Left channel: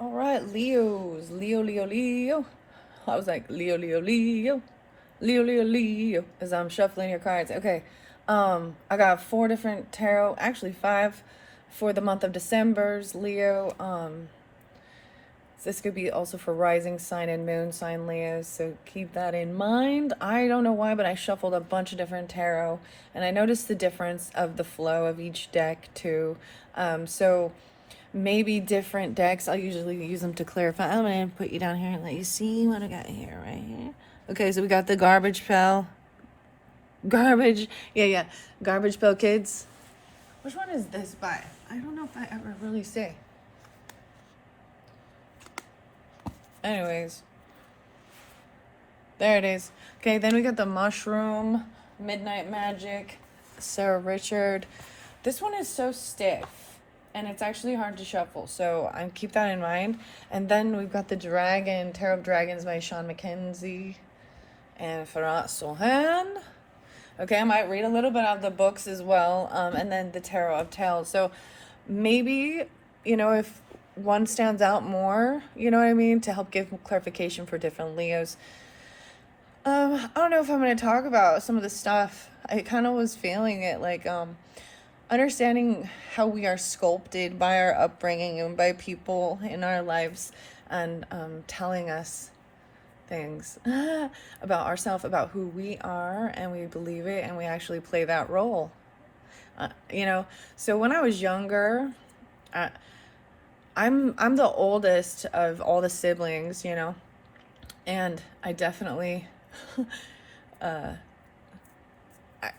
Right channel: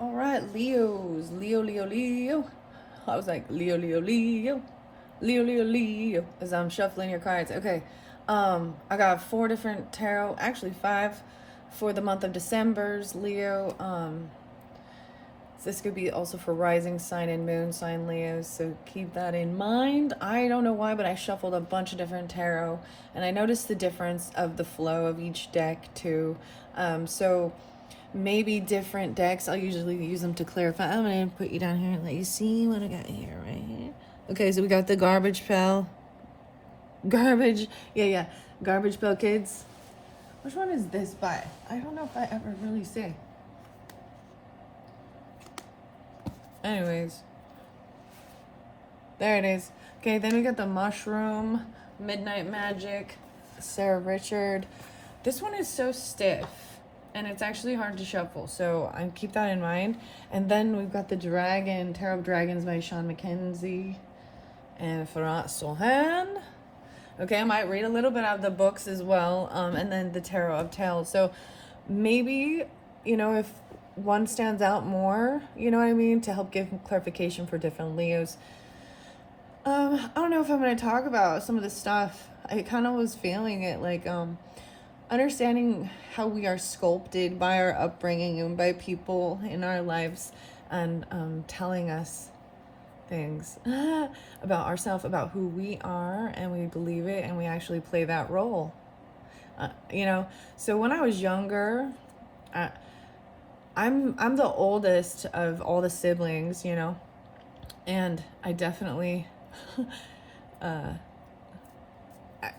All right, Leos. Leo. I was like, Leo, as I'm shuffling your cards. Okay. I got 4 different tarot, actually 5 for the month of December's Leo. This could be also for rising sign and moon sign Leos, so keep that in mind. I don't know why, but I shuffled a bunch of different tarot, and I noticed the difference of the flow of each deck too. So maybe different decks. I'll usually use them to clarify. I'm gonna put you down here and let you see what I got here, right here. Okay, so we got the garbage pail. Garbage pail kids. Which one is this by? I don't know if I ever really say. Anyways, there it is. Okay, then we got the mushroom, Midnight Magic, Sarah Richard. This one is so stiff and it's actually hard to shuffle, so I keep that in mind. And then we've got the Dragon, Tarot of Dragons by Sean McKenzie and Farah Sohan. Okay, I might read a little bit of the books as well, and then the Tarot of Tales. So maybe, if one stands out more, you know what I mean, to help give clarification for different Leos. I don't know if I'm going to talk about some of the stuff. I kind of was feeling it, like understanding how we are sculpted by our upbringing and by people in our lives, and telling us things about ourselves, about who we are, and we believe it, and we actually play that role. So when I was younger, I'm the oldest of all the siblings, and I definitely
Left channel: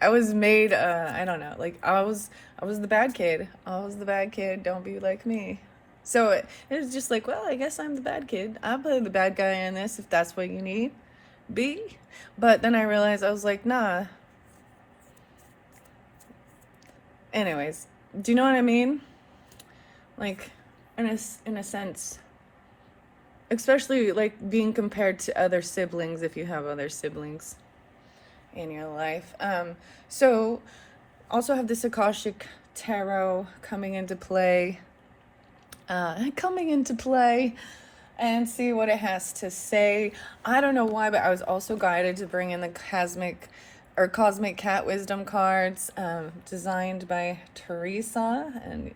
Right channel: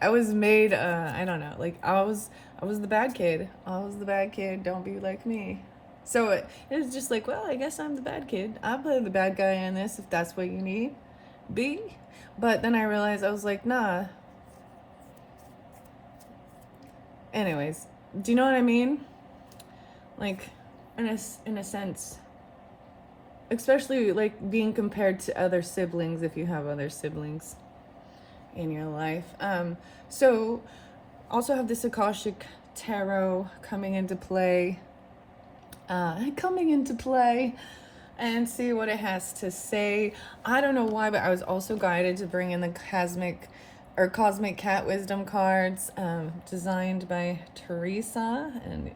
I was made I don't know, like I was the bad kid. I was the bad kid. Don't be like me. So it was just like, well, I guess I'm the bad kid. I'll play the bad guy in this if that's what you need. Be. But then I realized, I was like, nah. Anyways, do you know what I mean? Like, in a sense, especially like being compared to other siblings, if you have other siblings in your life. So also have this Akashic Tarot coming into play, and see what it has to say. I don't know why, but I was also guided to bring in the Cosmic Cat Wisdom cards, designed by Teresa and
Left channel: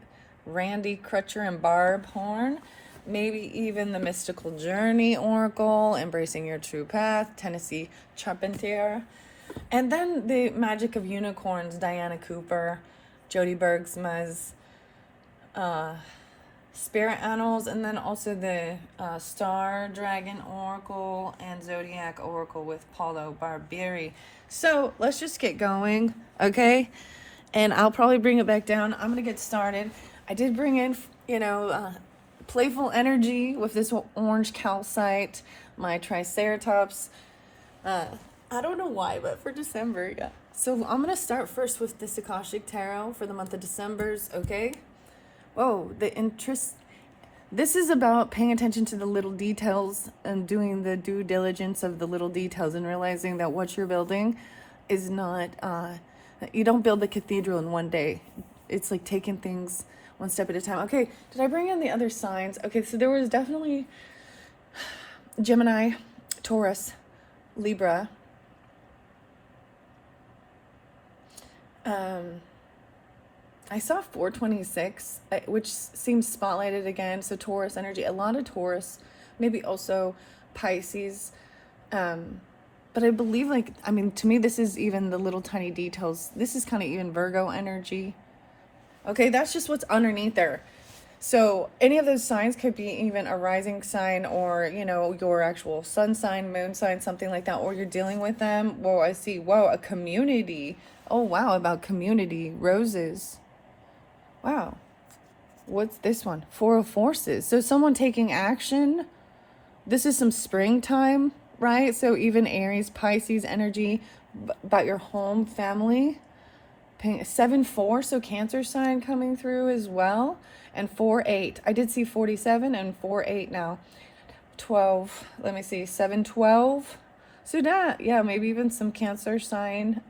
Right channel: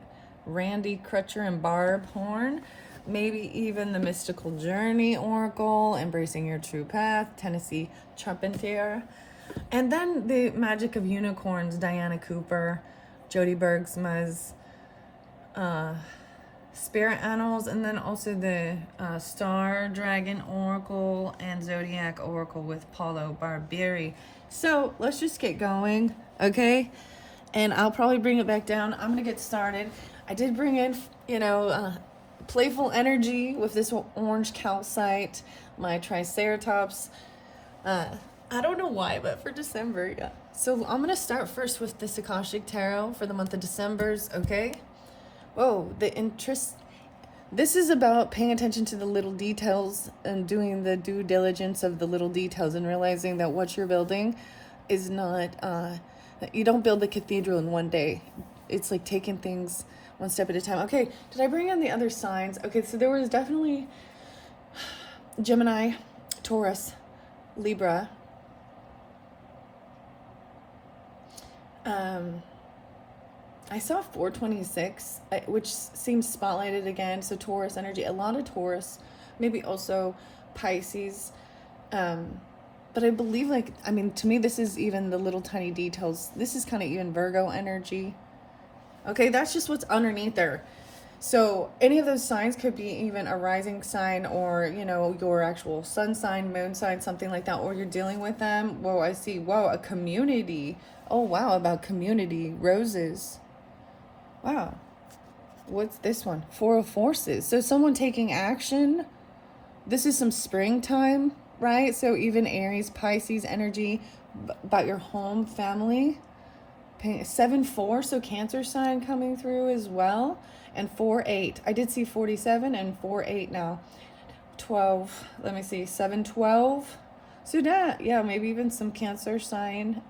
Randy Crutcher and Barb Horn. Maybe even the Mystical Journey Oracle, Embracing Your True Path, Tennessee Charpentier. And then the Magic of Unicorns, Diana Cooper, Jody Bergsma's Spirit Annals, and then also the Star Dragon Oracle and Zodiac Oracle with Paulo Barbieri. So let's just get going, okay? And I'll probably bring it back down. I'm gonna get started. I did bring in, playful energy with this orange calcite, my Triceratops. I don't know why, but for December, yeah. So I'm gonna start first with this Akashic Tarot for the month of December's, okay? Whoa, this is about paying attention to the little details and doing the due diligence of the little details, and realizing that what you're building is not, you don't build the cathedral in one day. It's like taking things one step at a time. Okay, did I bring in the other signs? Okay, so there was definitely Gemini, Taurus, Libra. I saw 426, which seems spotlighted again. So Taurus energy, a lot of Taurus, maybe also Pisces. But I believe, to me, this is even the little tiny details. This is kind of even Virgo energy. Okay, that's just what's underneath there. So any of those signs could be even a rising sign, or, your actual sun sign, moon sign, something like that, or you're dealing with them. Whoa, I see. Whoa, a community. Oh, wow, about community. Roses. Wow. What's this one? Four of Forces. So someone taking action. This is some springtime, right? So even Aries, Pisces energy about your home, family. 7-4, so Cancer sign coming through as well. And 4-8. I did see 47 and 4-8 now. 12. Let me see. 7-12. So that, yeah, maybe even some Cancer sign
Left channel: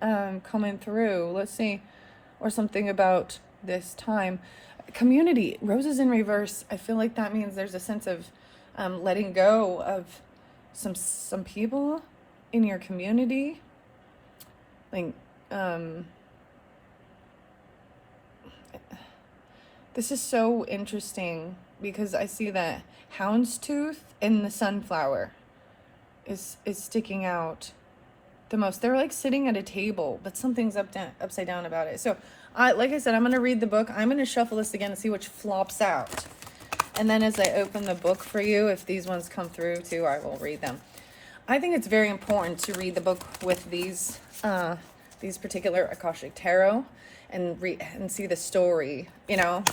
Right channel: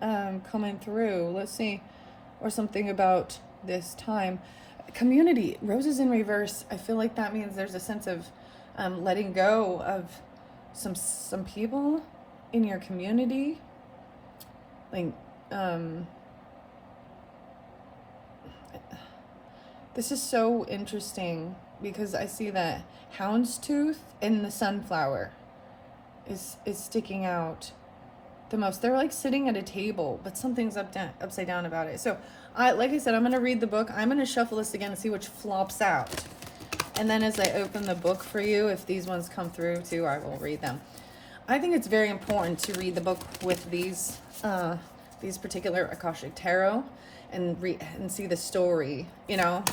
coming through. Let's see. Or something about this time. community, roses in reverse. I feel like that means there's a sense of letting go of some people in your community. Like, this is so interesting because I see that houndstooth and the sunflower is sticking out the most. They're like sitting at a table, but something's upside down about it. So, like I said, I'm going to read the book. I'm going to shuffle this again and see which flops out. And then as I open the book for you, if these ones come through too, I will read them. I think it's very important to read the book with these particular Akashic Tarot and see the story, you know,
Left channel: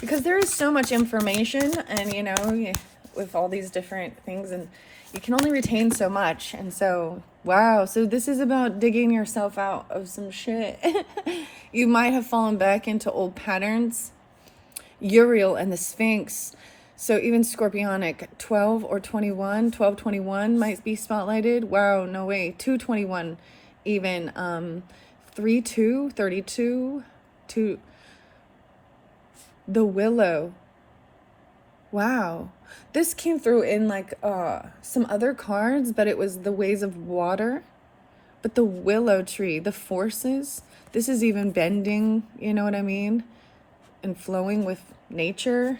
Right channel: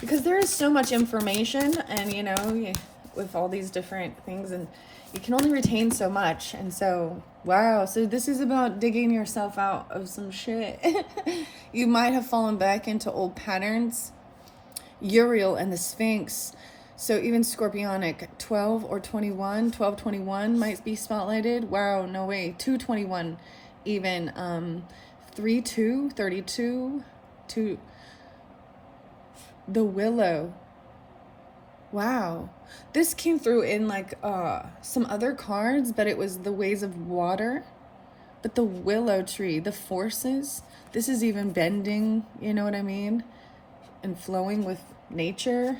because there is so much information, and you know, with all these different things, and you can only retain so much. And so, wow, so this is about digging yourself out of some shit. You might have fallen back into old patterns. Uriel and the Sphinx. So even Scorpionic, 12 or 21, 1221 might be spotlighted. Wow, no way. 221 even. 32, 32, to the Willow. Wow. This came through in like some other cards, but it was the Ways of Water. But the Willow Tree, the forces, this is even bending, you know what I mean? And flowing with nature.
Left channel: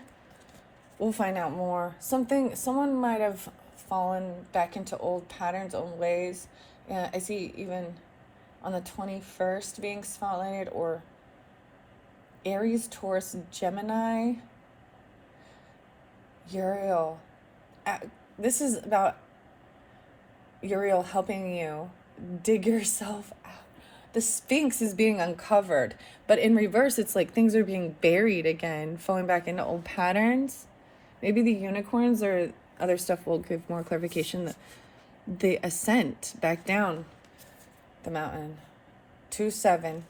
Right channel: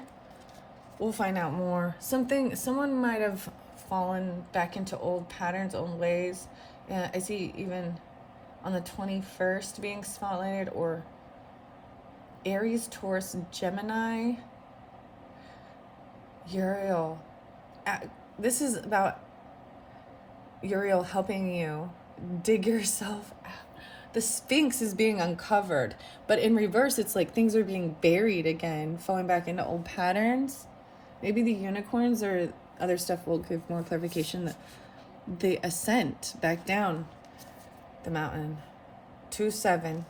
We'll find out more. Someone might have fallen back into old patterns, old ways. Yeah, I see even on the 21st being spotlighted, or Aries, Taurus, Gemini, Uriel. This is about Uriel helping you dig yourself out. The Sphinx is being uncovered, but in reverse, it's like things are being buried again, falling back into old patterns. Maybe the unicorns or other stuff will give more clarification. The ascent back down the mountain. 2-7.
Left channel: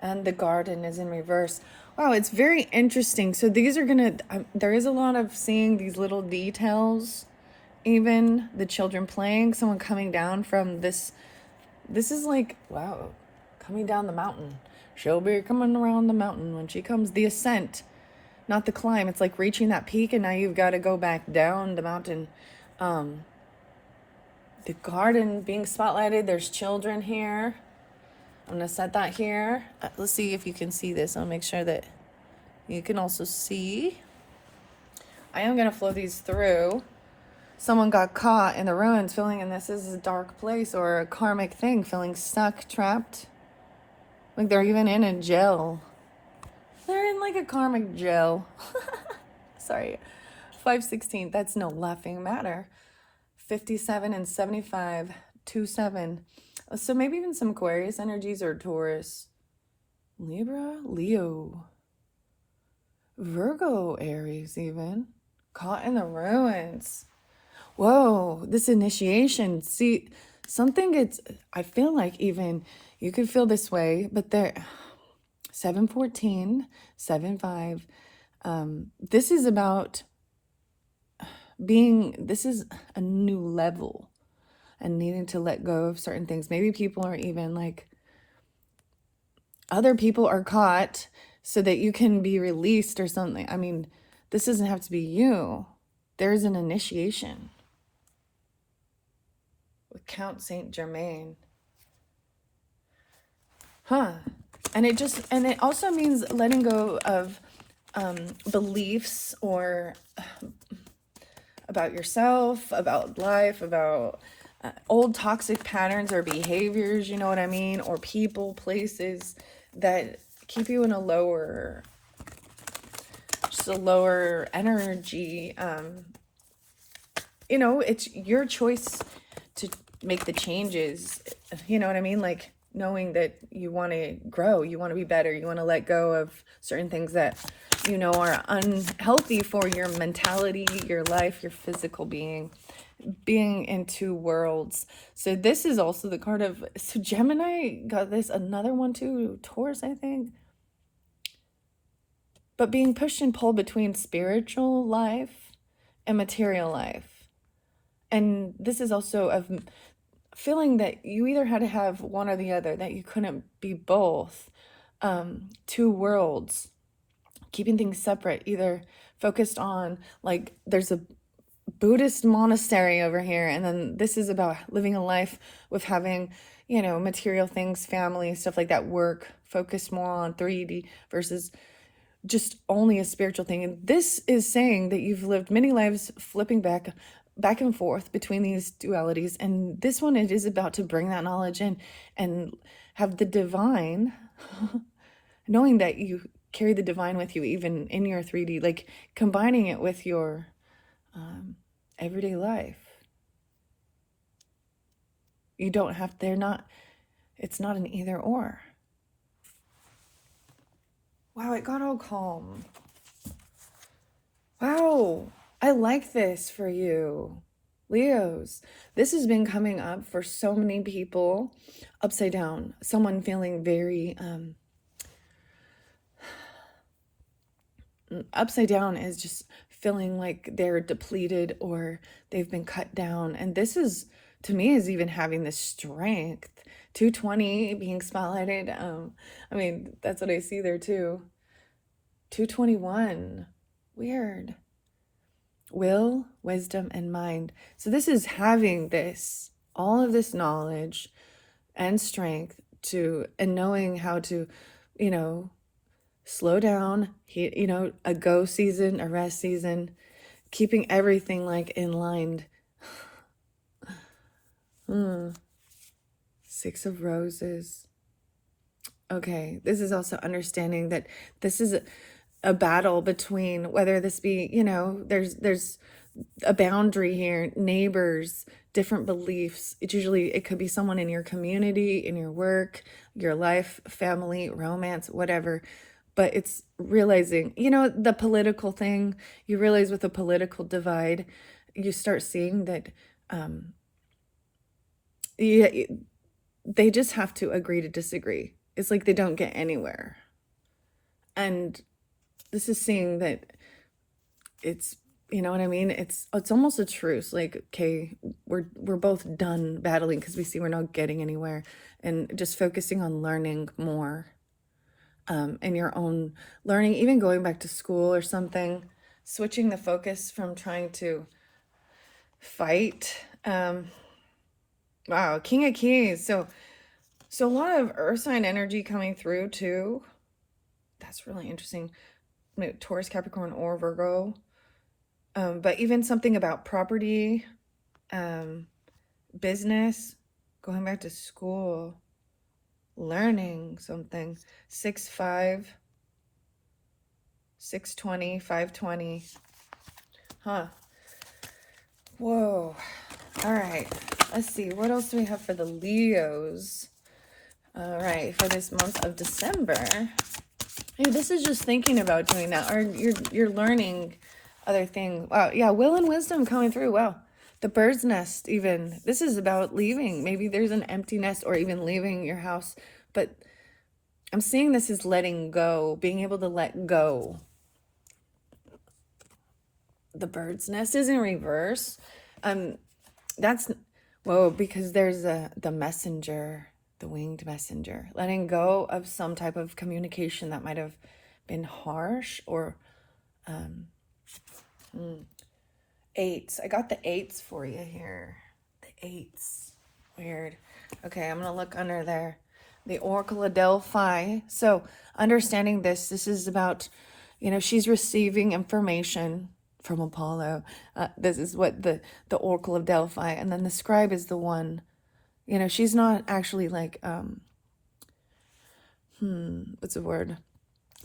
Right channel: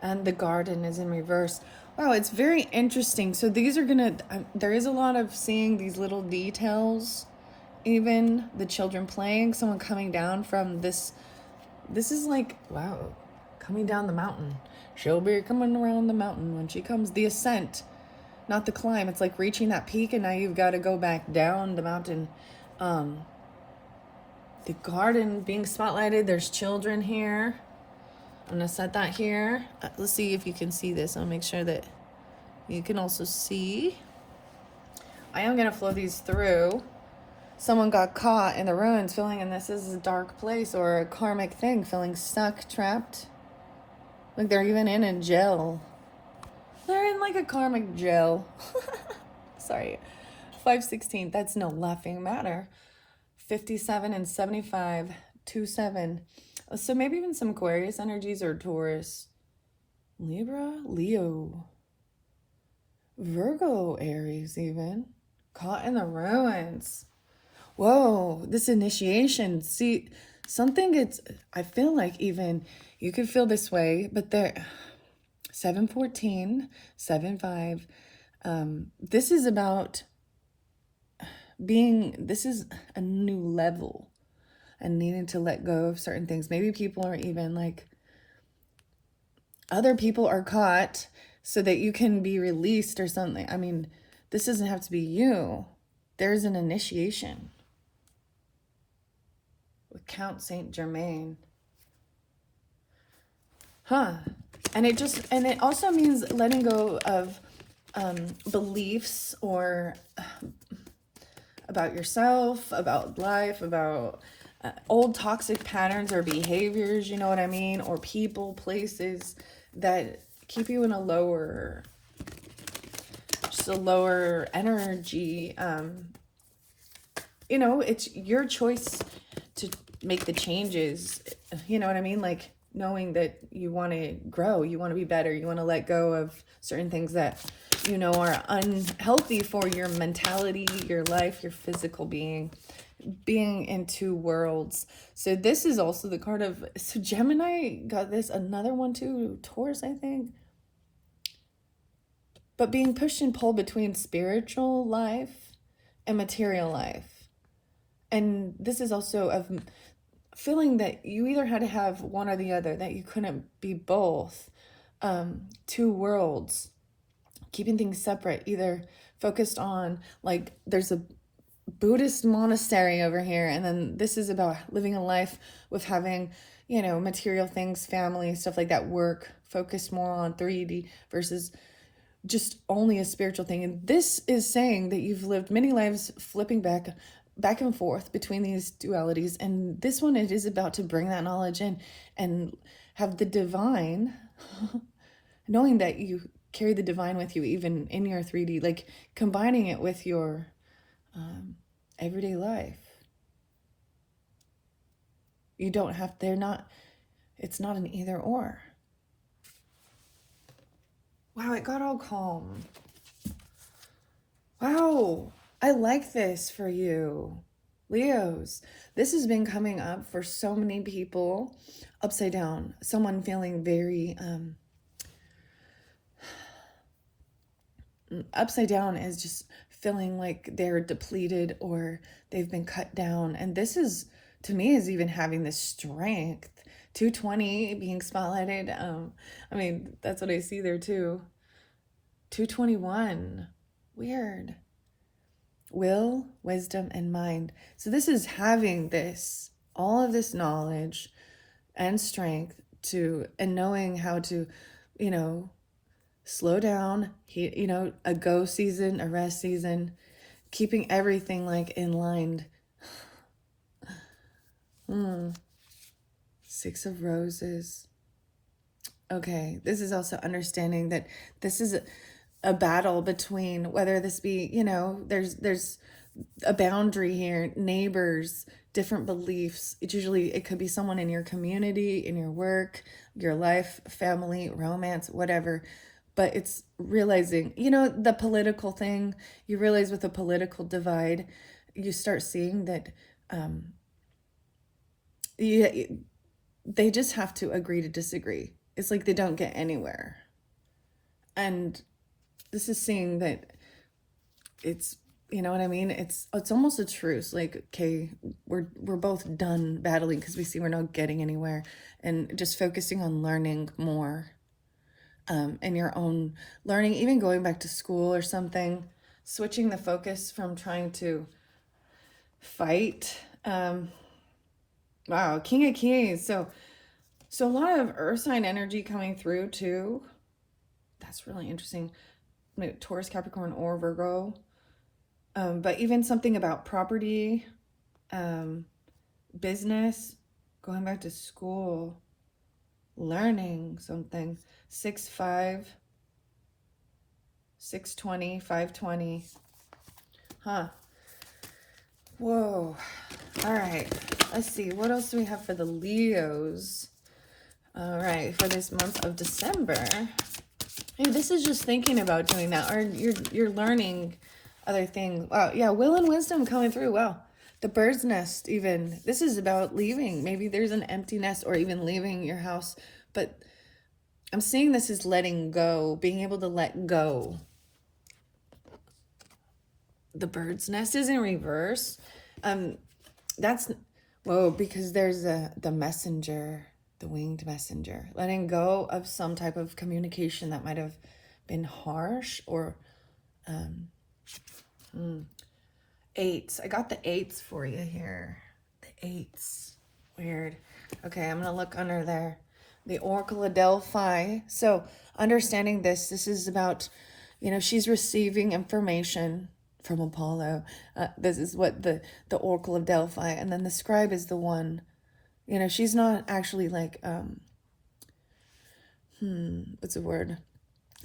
And the garden is in reverse. Wow, it's very interesting. So these are gonna, there is a lot of seeing these little details. Even the children playing, someone coming down from this. This is like, wow, coming down the mountain. She'll be coming around the mountain when she comes. The ascent, not the climb. It's like reaching that peak, and now you've got to go back down the mountain. The garden being spotlighted. There's children here. I'm going to set that here. Let's see if you can see this. I'll make sure that you can also see. I am going to flow these through. Someone got caught in the ruins, feeling, and this is a dark place or a karmic thing, feeling stuck, trapped. Like they're even in a jail. They're in like a karmic jail. Sorry. 516, that's no laughing matter. 57 and 75, 2-7. So maybe even some Aquarius energies or Taurus. Libra, Leo. Virgo, Aries even. Caught in the ruins. Whoa, this initiation. See, something gets, I feel like even, you could feel this way, but there, 714, 75. This is about this is a new level and needing to let go of certain things. Maybe people are even like, other people are caught so that you can be released or something. I mean, this doesn't have to be you. There's an initiation with Count Saint Germain. And it also means letting go of beliefs or about yourself, about life, about old toxic patterns or behaviors, you know what I mean? Or people, places that keep you in a lower energy. You know, it's your choice to make the changes, you know what I mean? Like knowing that you want to grow, you want to be better, you want to let go of certain things that you know are unhealthy for your mentality, your life, your physical being in two worlds. So this is also the card of, so Gemini got this, another one too, Taurus, I think. But being pushed and pulled between spiritual life and material life. And this is also of feeling that you either had to have one or the other, that you couldn't be both. Two worlds. keeping things separate, either focused on, like, there's a Buddhist monastery over here, and then this is about living a life with having, you know, material things, family, stuff like that, work, focus more on 3D versus just only a spiritual thing. And this is saying that you've lived many lives flipping back and forth between these dualities, and this one, it is about to bring that knowledge in and have the divine knowing that you carry the divine with you even in your 3D, like combining it with your everyday life. You don't have, it's not an either or. Wow, it got all calm. Wow, I like this for you, Leos. This has been coming up for so many people. Upside down, someone feeling very, upside down is just feeling like they're depleted or they've been cut down. And this is, to me, is even having this strength. 220 being spotlighted. I mean, that's what I see there too. 221. Weird. Will, wisdom, and mind. So this is having this, all of this knowledge and strength to, and knowing how to, you know, slow down, you know, a go season, a rest season, keeping everything like in line. 6 of Roses. Okay, this is also understanding that this is a battle between, whether this be, you know, there's a boundary here, neighbors, different beliefs. It could be someone in your community, in your work, your life, family, romance, whatever. But it's realizing, you know, the political thing, you realize with the political divide, you start seeing that they just have to agree to disagree. It's like they don't get anywhere. And this is seeing that it's, you know what I mean? It's almost a truce. Like, okay, we're both done battling because we see we're not getting anywhere, and just focusing on learning more. In your own learning, even going back to school or something, switching the focus from trying to fight. Wow, King of Keys. So a lot of earth sign energy coming through too. That's really interesting. Taurus, Capricorn, or Virgo. But even something about property, business, going back to school, learning something. 6-5, 620, 520. Huh. Whoa. All right. Let's see. What else do we have for the Leos? All right. For this month of December. Hey, this is just thinking about doing that. Or you're learning other things. Wow. Yeah. Will and wisdom coming through. Wow. The bird's nest even. This is about leaving. Maybe there's an empty nest or even leaving your house. But I'm seeing this as letting go, being able to let go. The bird's nest is in reverse. That's, whoa, because there's the messenger, the winged messenger, letting go of some type of communication that might have been harsh or, 8s. I got the 8s for you here. The 8s. Weird. Okay, I'm going to look under there. The Oracle of Delphi. So understanding this is about, you know, she's receiving information from Apollo. This is what the Oracle of Delphi. And then the scribe is the one, you know, she's not actually like, what's the word?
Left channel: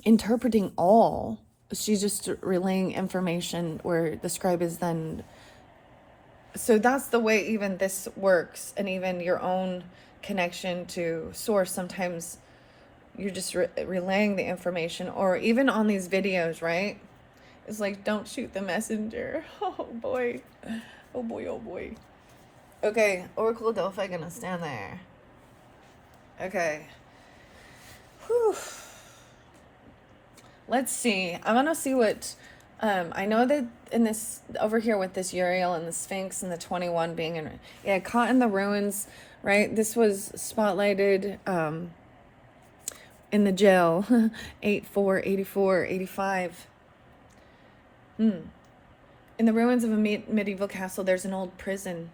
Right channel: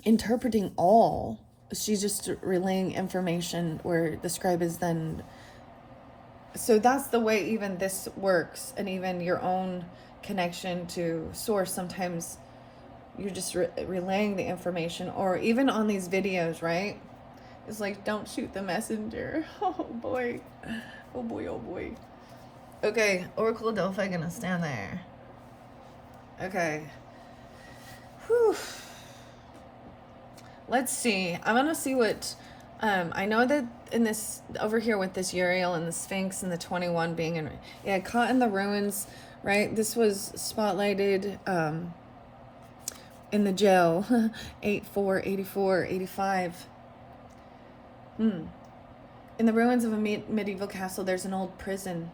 Interpreting all. She's just relaying information where the scribe is then. So that's the way even this works. And even your own connection to source, sometimes you're just relaying the information, or even on these videos, right? It's like, don't shoot the messenger. Oh boy. Oh boy, oh boy. Okay, Oracle of Delphi gonna stand there. Okay. Whew. Let's see. I want to see what, I know that in this, over here with this Uriel and the Sphinx and the 21 being in, yeah, caught in the ruins, right? This was spotlighted in the jail. 84, 84, 85. In the ruins of a medieval castle, there's an old prison.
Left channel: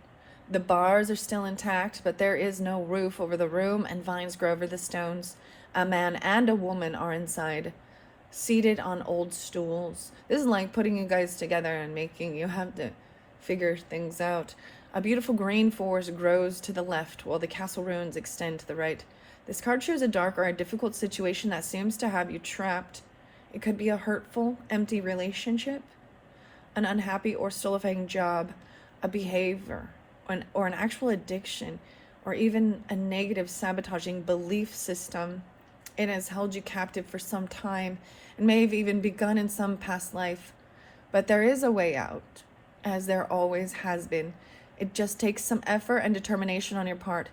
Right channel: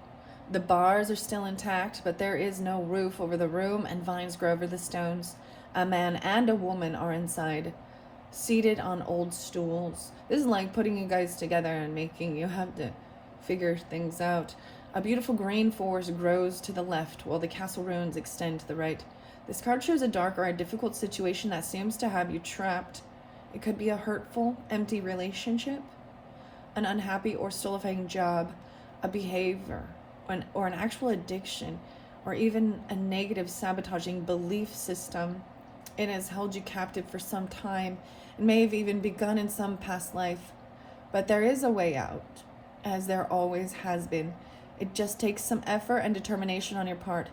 The bars are still intact, but there is no roof over the room, and vines grow over the stones. A man and a woman are inside, seated on old stools. This is like putting you guys together and making you have to figure things out. A beautiful green forest grows to the left, while the castle ruins extend to the right. This card shows a dark or a difficult situation that seems to have you trapped. It could be a hurtful, empty relationship, an unhappy or stultifying job, a behavior, or an actual addiction, or even a negative sabotaging belief system. It has held you captive for some time and may have even begun in some past life. But there is a way out, as there always has been. It just takes some effort and determination on your part.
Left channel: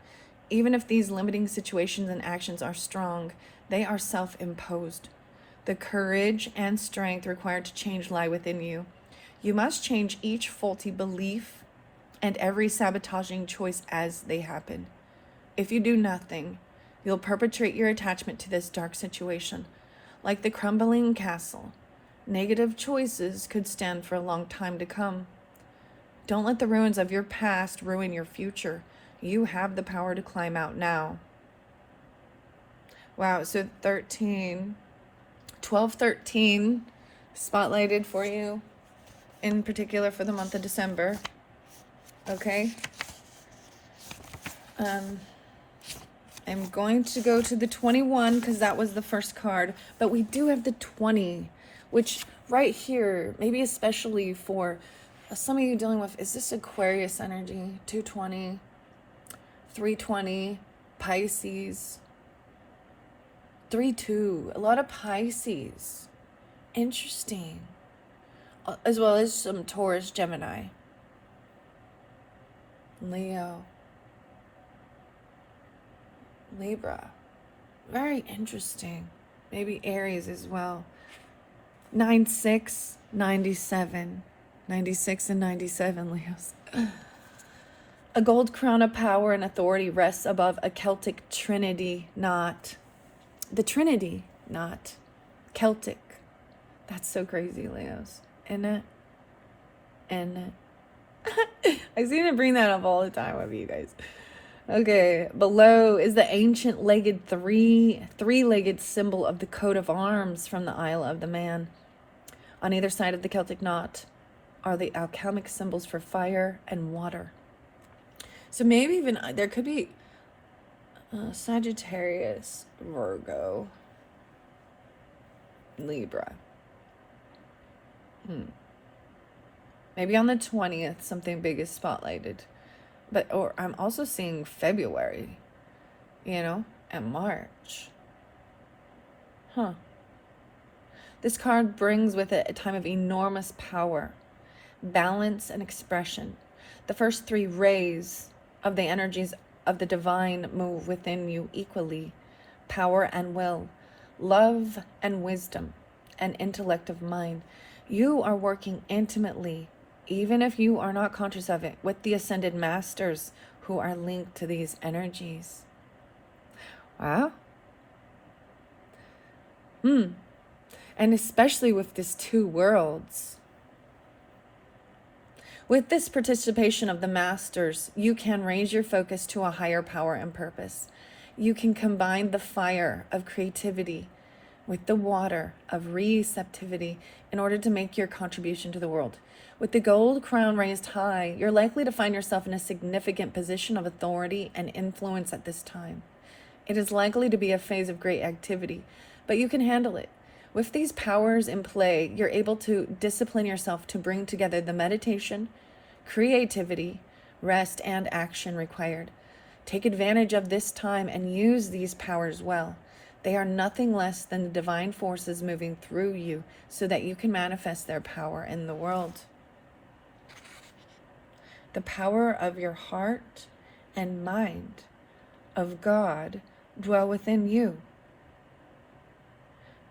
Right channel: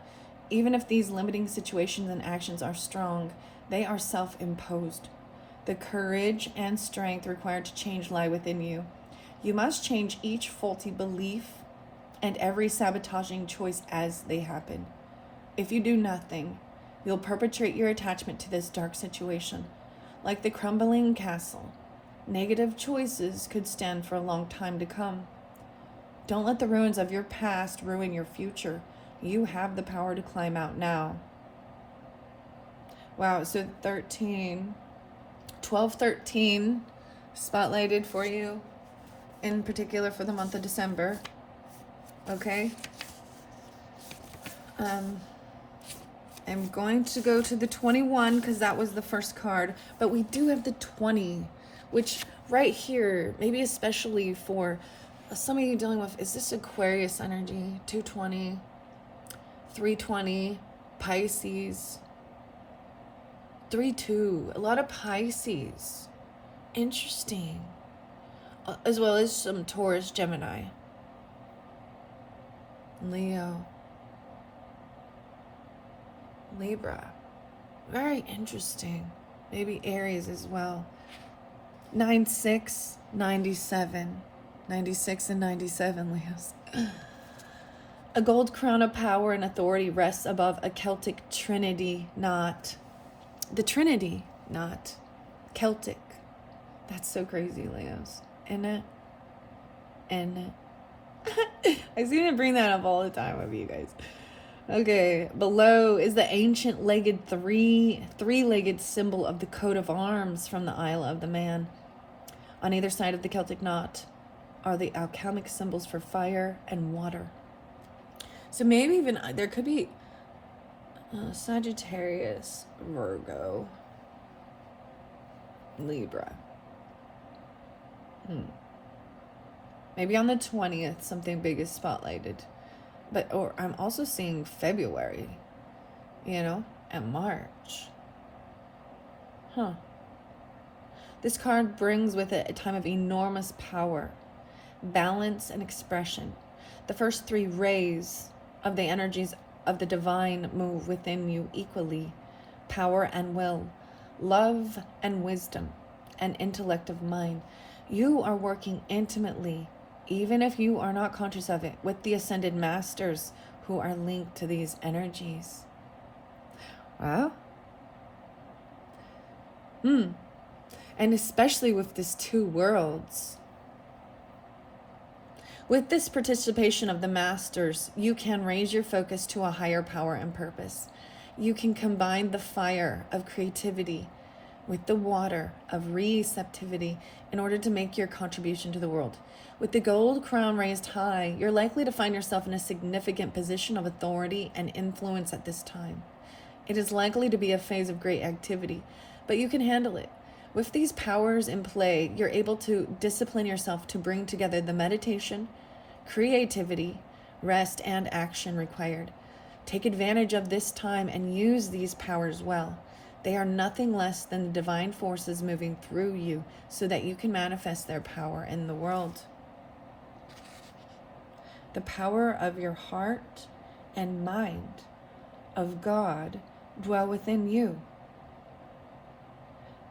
Even if these limiting situations and actions are strong, they are self-imposed. The courage and strength required to change lie within you. You must change each faulty belief and every sabotaging choice as they happen. If you do nothing, you'll perpetuate your attachment to this dark situation. Like the crumbling castle, negative choices could stand for a long time to come. Don't let the ruins of your past ruin your future. You have the power to climb out now. Wow, so 13, 12, 13 spotlighted for you, in particular for the month of December. Okay. I'm going to go to the 21 because that was the first card, but we do have the 20, which right here, maybe especially for some of you dealing with, is this Aquarius energy? 220, 320, Pisces, 3-2, a lot of Pisces. Interesting. As well as some Taurus, Gemini, Leo, Libra. Very interesting. Maybe Aries as well. 9-6, 97. 96 and 97, Leos. A gold crown of power and authority rests above a Celtic trinity knot. The Trinity knot. Celtic. That's so crazy, Leos. Isn't it? I seem to bring that up all the time with you guys. Okay, below is the ancient legged three-legged symbol of the coat of arms from the Isle of the Man. On either side of the Celtic knot are the alchemic symbols for fire and water. So maybe even there could be Sagittarius, Virgo, Libra. Maybe on the 20th something big is spotlighted. Or I'm also seeing February, and March. This card brings with it a time of enormous power, balance, and expression. The first three rays of the energies of the divine move within you equally: power and will, love and wisdom, and intellect of mind. You are working intimately, even if you are not conscious of it, with the ascended masters who are linked to these energies. Wow. And especially with this two worlds. With this participation of the masters, you can raise your focus to a higher power and purpose. You can combine the fire of creativity with the water of receptivity in order to make your contribution to the world. With the gold crown raised high, you're likely to find yourself in a significant position of authority and influence at this time. It is likely to be a phase of great activity, but you can handle it. With these powers in play, you're able to discipline yourself to bring together the meditation, creativity, rest, and action required. Take advantage of this time and use these powers well. They are nothing less than the divine forces moving through you so that you can manifest their power in the world. The power of your heart and mind of God dwell within you.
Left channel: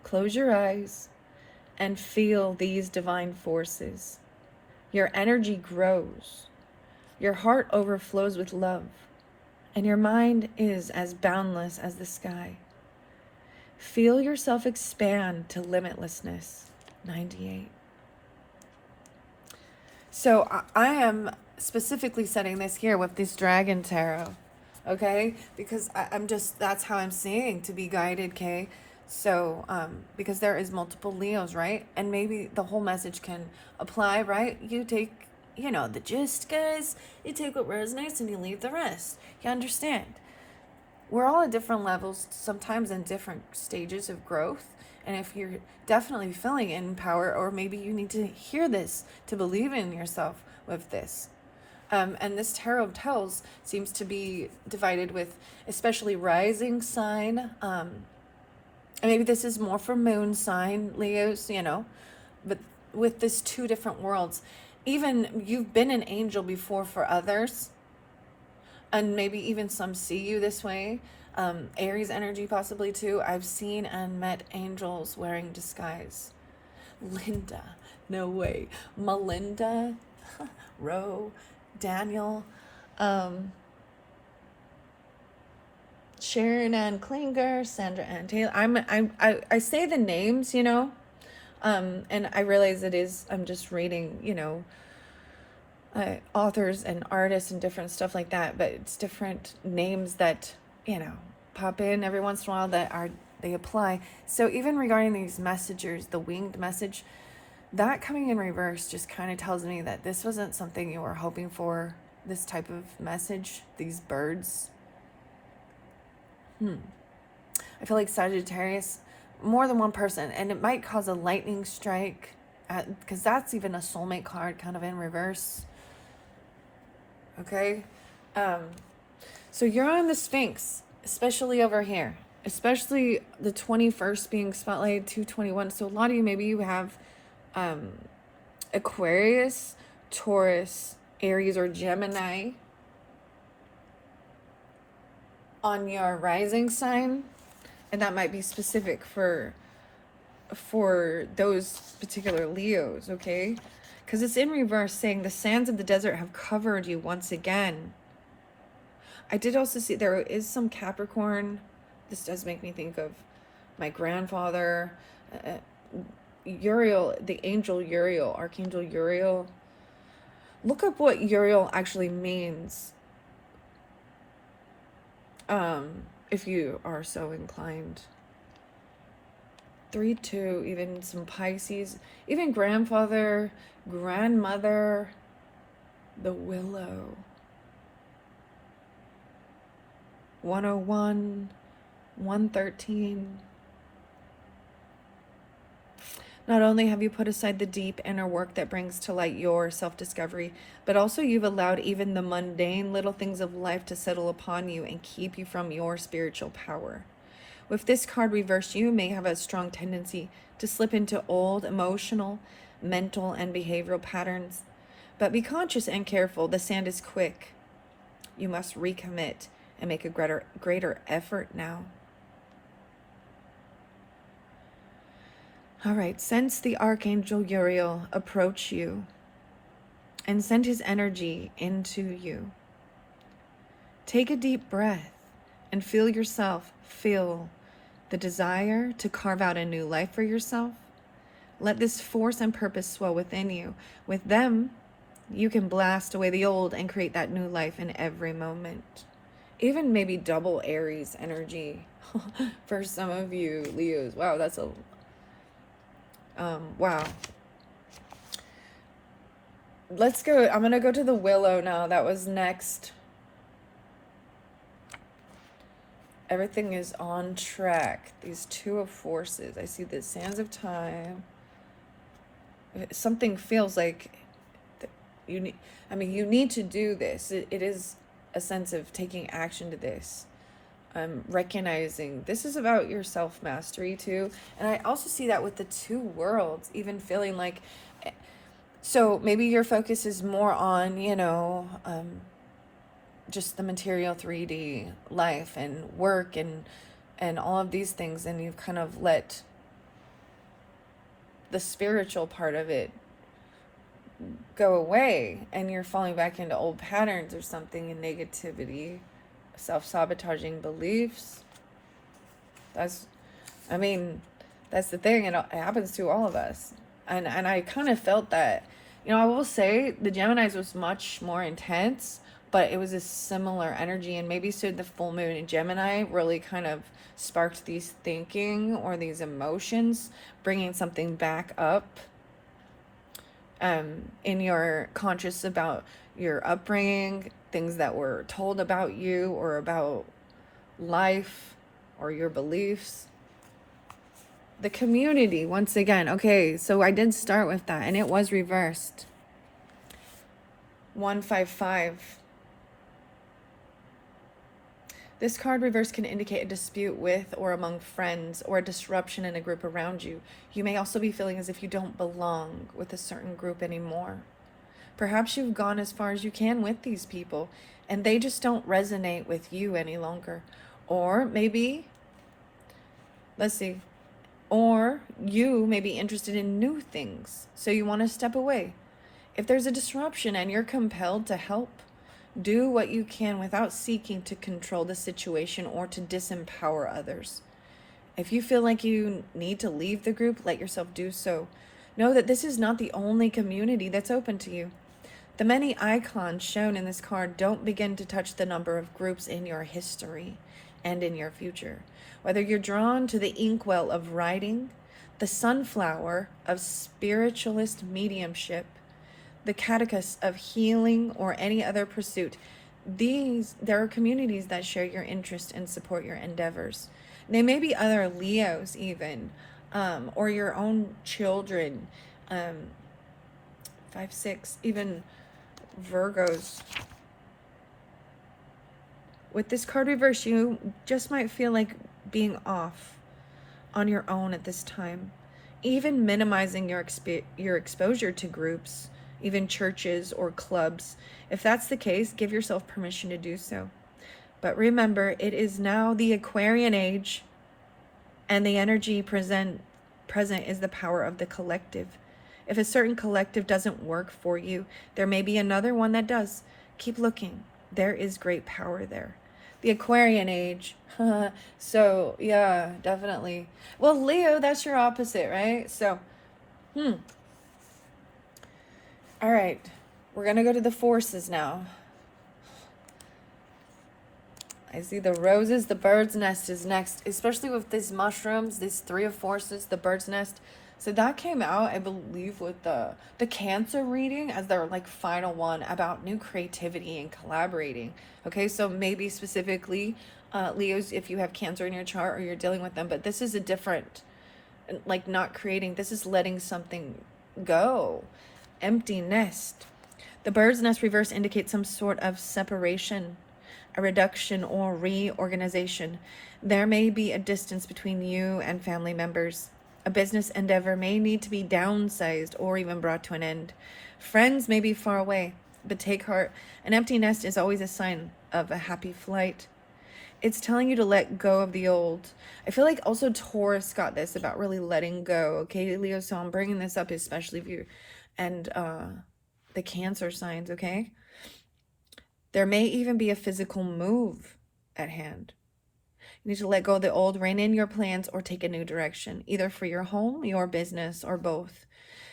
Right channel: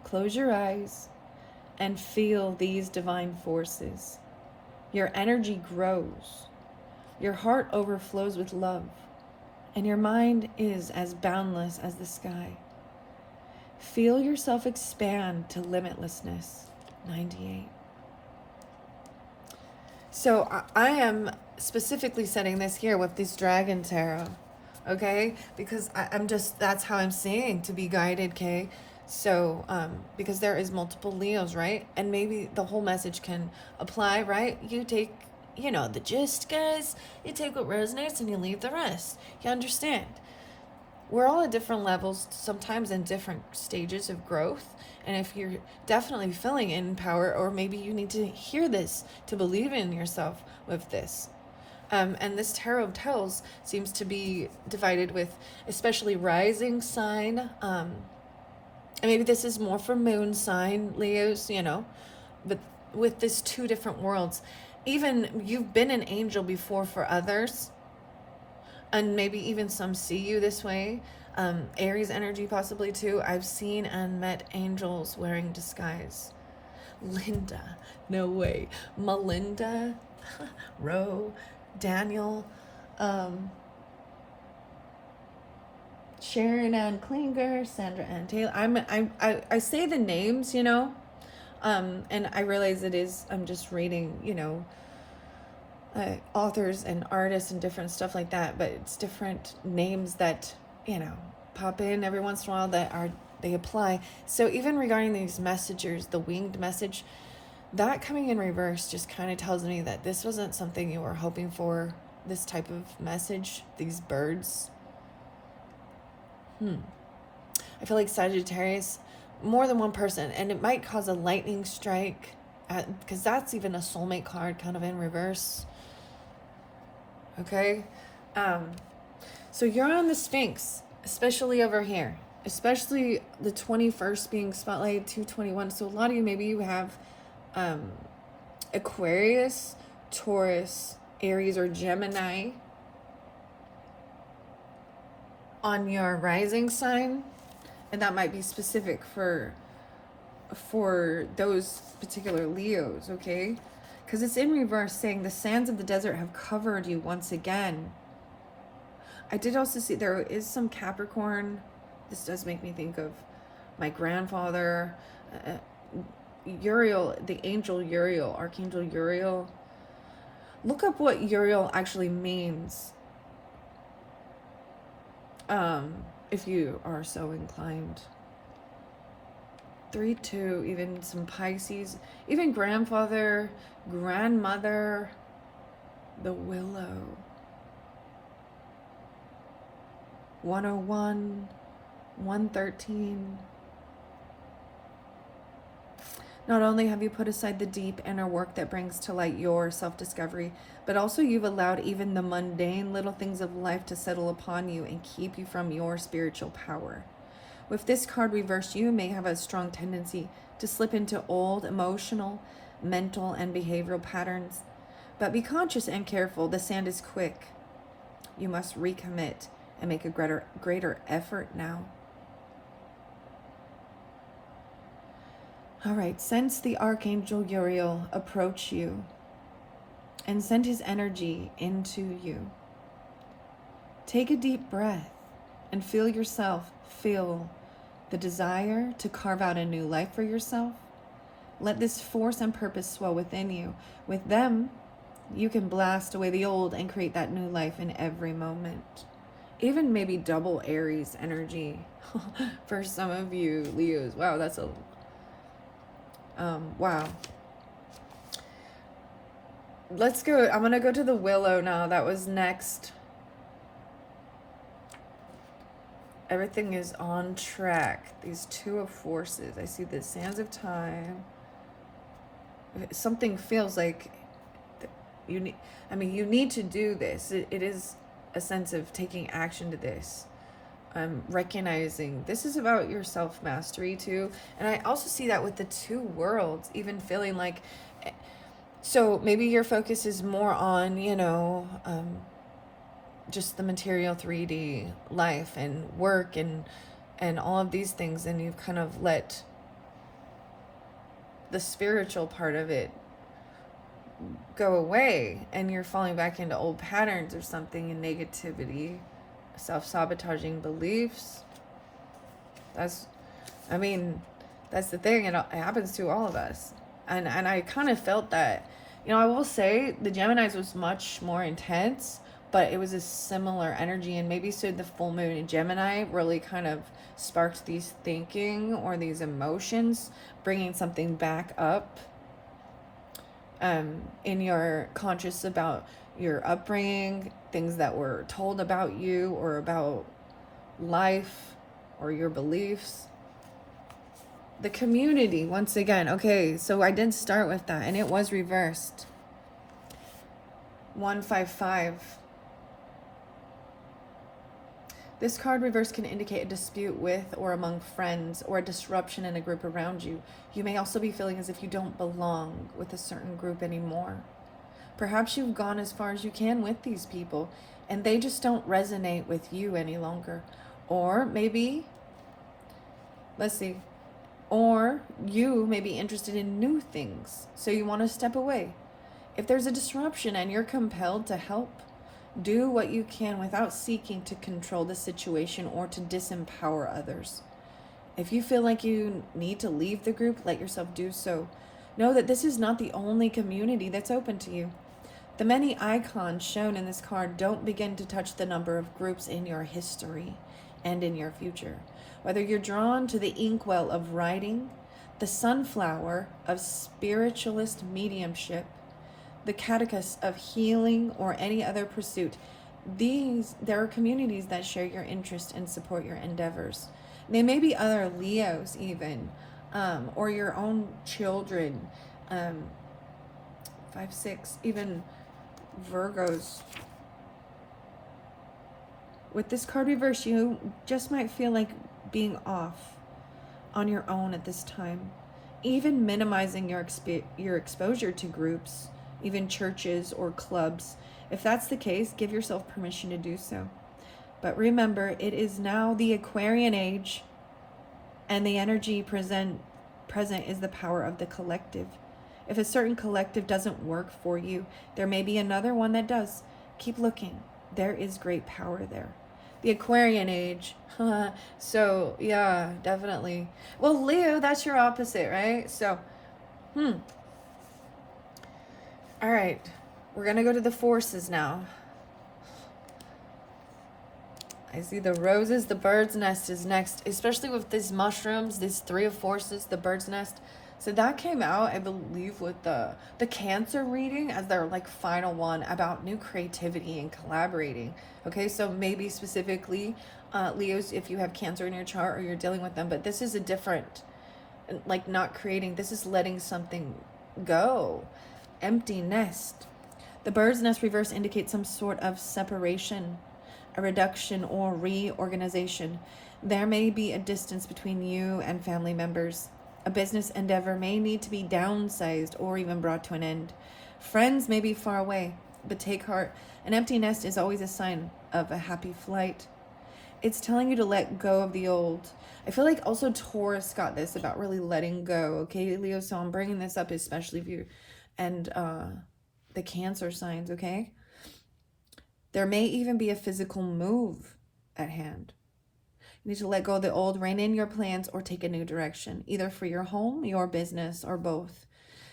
Close your eyes and feel these divine forces. Your energy grows. Your heart overflows with love, and your mind is as boundless as the sky. Feel yourself expand to limitlessness. 98. So I am specifically setting this here with this Dragon Tarot, okay? Because I'm just, that's how I'm seeing to be guided, okay? So, because there is multiple Leos, right? And maybe the whole message can apply, right? You take, you know, the gist, guys. You take what resonates and you leave the rest. You understand? We're all at different levels, sometimes in different stages of growth. And if you're definitely feeling in power, or maybe you need to hear this to believe in yourself with this. And this tarot tells seems to be divided with especially rising sign. And maybe this is more for moon sign, Leos, you know, but with this two different worlds. Even you've been an angel before for others. And maybe even some see you this way. Aries energy possibly too. I've seen and met angels wearing disguise. Linda, no way. Melinda, Ro, Daniel, Sharon Ann Klinger, Sandra Ann Taylor. I say the names, you know, and I realize I'm just reading, you know, authors and artists and different stuff like that, but it's different names that, you know, pop in every once in a while they apply. So even regarding these messengers, the winged message, that coming in reverse just kind of tells me that this wasn't something you were hoping for, this type of message, these birds. I feel like Sagittarius, more than one person, and it might cause a lightning strike, because that's even a soulmate card kind of in reverse. Okay, so you're on the Sphinx, especially over here, especially the 21st being spotlighted 221. So a lot of you, maybe you have Aquarius, Taurus, Aries, or Gemini on your rising sign, and that might be specific for those particular Leos, okay? Because it's in reverse, saying the sands of the desert have covered you once again. I did also see there is some Capricorn. This does make me think of my grandfather, Uriel, the angel Uriel, Archangel Uriel. Look up what Uriel actually means, if you are so inclined. 3-2, even some Pisces, even grandfather, grandmother, the willow. 101, 113. Not only have you put aside the deep inner work that brings to light your self-discovery, but also you've allowed even the mundane little things of life to settle upon you and keep you from your spiritual power. With this card reversed, you may have a strong tendency to slip into old emotional, mental, and behavioral patterns. But be conscious and careful. The sand is quick. You must recommit and make a greater effort now. All right, sense the Archangel Uriel approach you and send his energy into you. Take a deep breath and feel yourself feel the desire to carve out a new life for yourself. Let this force and purpose swell within you. With them, you can blast away the old and create that new life in every moment. Even maybe double Aries energy for some of you Leos. Wow, that's a wow. Let's go. I'm gonna go to the willow now. That was next. Everything is on track. These two of forces. I see the sands of time. Something feels like you need. I mean, you need to do this. It is a sense of taking action to this. Recognizing this is about your self-mastery too. And I also see that with the two worlds, even feeling like, so maybe your focus is more on, you know, just the material 3D life and work and all of these things, and you've kind of let the spiritual part of it go away, and you're falling back into old patterns or something, and negativity, self-sabotaging beliefs. That's I mean, that's the thing. It happens to all of us. And I kind of felt that. You know, I will say the Geminis was much more intense, but it was a similar energy. And maybe so the full moon in Gemini really kind of sparked these thinking or these emotions, bringing something back up in your conscious about your upbringing, things that were told about you or about life or your beliefs. The community, once again. Okay, so I did start with that, and it was reversed. 155. This card reverse can indicate a dispute with or among friends or a disruption in a group around you. You may also be feeling as if you don't belong with a certain group anymore. Perhaps you've gone as far as you can with these people, and they just don't resonate with you any longer. Or maybe, let's see, or you may be interested in new things, so you want to step away. If there's a disruption and you're compelled to help, do what you can without seeking to control the situation or to disempower others. If you feel like you need to leave the group, let yourself do so. Know that this is not the only community that's open to you. The many icons shown in this card don't begin to touch the number of groups in your history and in your future. Whether you're drawn to the inkwell of writing, the sunflower of spiritualist mediumship, the catechist of healing, or any other pursuit, there are communities that share your interest and support your endeavors. They may be other Leos even, or your own children, 5, 6, even Virgos. With this card reverse, you just might feel like being off on your own at this time. Even minimizing your exposure to groups, even churches or clubs. If that's the case, give yourself permission to do so. But remember, it is now the Aquarian age, and the energy present is the power of the collective. If a certain collective doesn't work for you, there may be another one that does. Keep looking. There is great power there. The Aquarian age. So, yeah, definitely. Well, Leo, that's your opposite, right? So, all right. We're going to go to the forces now. I see the roses, the bird's nest is next, especially with these mushrooms, these 3 of forces, the bird's nest. So that came out, I believe, with the Cancer reading as their like final one about new creativity and collaborating. Okay, so maybe specifically Leos, if you have Cancer in your chart or you're dealing with them, but this is a different, like not creating, this is letting something go. Empty nest. The bird's nest reverse indicates some sort of separation, a reduction or reorganization. There may be a distance between you and family members. A business endeavor may need to be downsized or even brought to an end. Friends may be far away, but take heart. An empty nest is always a sign of a happy flight. It's telling you to let go of the old. I feel like also Taurus got this about really letting go. Okay, Leo, so I'm bringing this up especially if you and the Cancer signs, okay? There may even be a physical move at hand. You need to let go of the old, rein in your plans, or take a new direction, either for your home, your business, or both.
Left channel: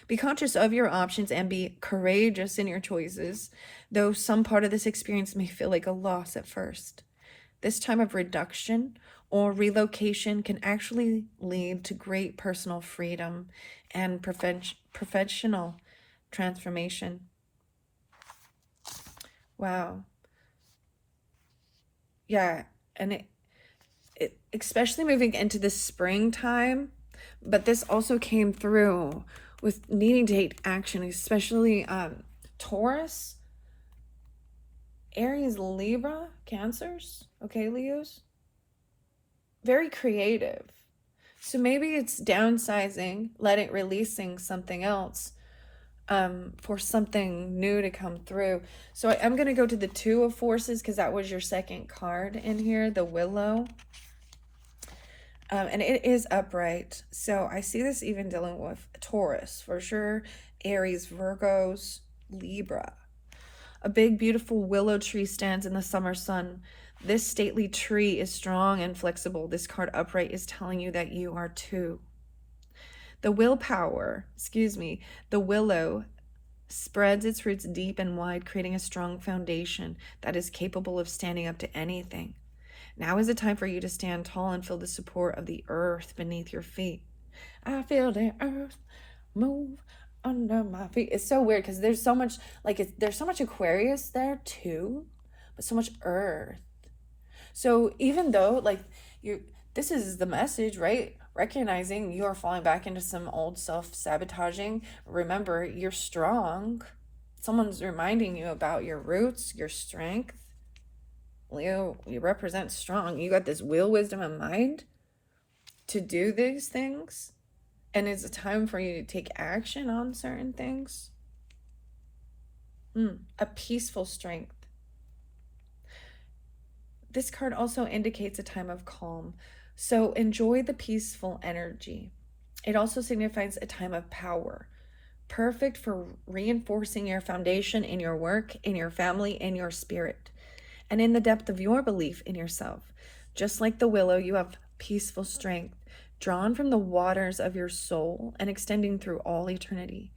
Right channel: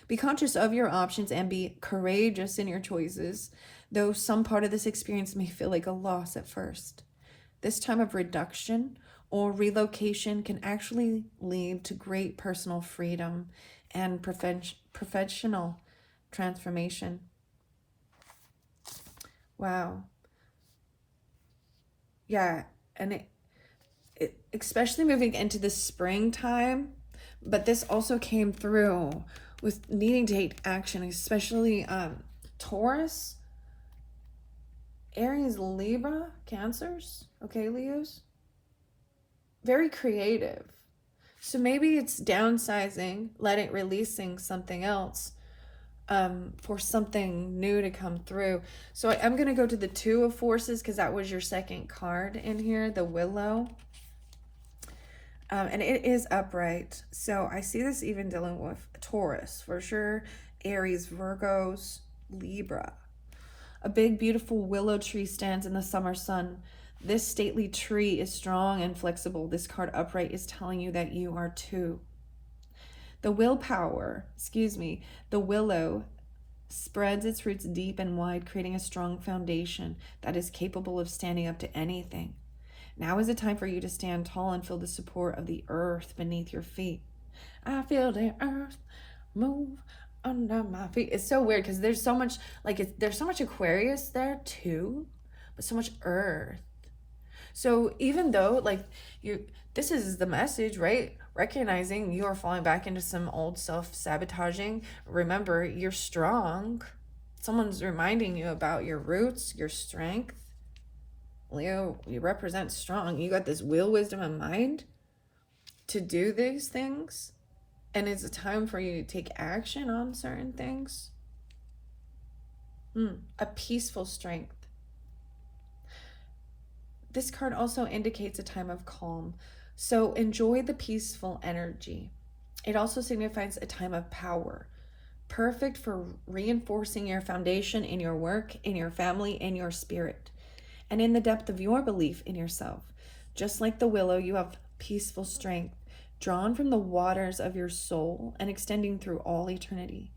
Be conscious of your options and be courageous in your choices, though some part of this experience may feel like a loss at first. This time of reduction or relocation can actually lead to great personal freedom and professional transformation. Wow. Yeah, and it especially moving into the springtime, but this also came through with needing to take action, especially Taurus, Aries, Libra, Cancers, okay, Leos. Very creative. So maybe it's downsizing, releasing something else for something new to come through. So I'm going to go to the 2 of forces because that was your second card in here, the Willow. And it is upright. So I see this even dealing with Taurus for sure, Aries, Virgos, Libra. A big, beautiful willow tree stands in the summer sun. This stately tree is strong and flexible. This card upright is telling you that you are too. The willow spreads its roots deep and wide, creating a strong foundation that is capable of standing up to anything. Now is the time for you to stand tall and feel the support of the earth beneath your feet. I feel the earth move under my feet. It's so weird because there's so much, there's so much Aquarius there too, but so much earth. So even though this is the message, right? Recognizing you are falling back into some old self-sabotaging. Remember, you're strong. Someone's reminding you about your roots, your strength. Leo, you represent strong. You got this will, wisdom, and mind to do these things. And it's a time for you to take action on certain things. A peaceful strength. This card also indicates a time of calm. So enjoy the peaceful energy. It also signifies a time of power, perfect for reinforcing your foundation in your work, in your family, in your spirit, and in the depth of your belief in yourself. Just like the willow, you have peaceful strength, drawn from the waters of your soul and extending through all eternity.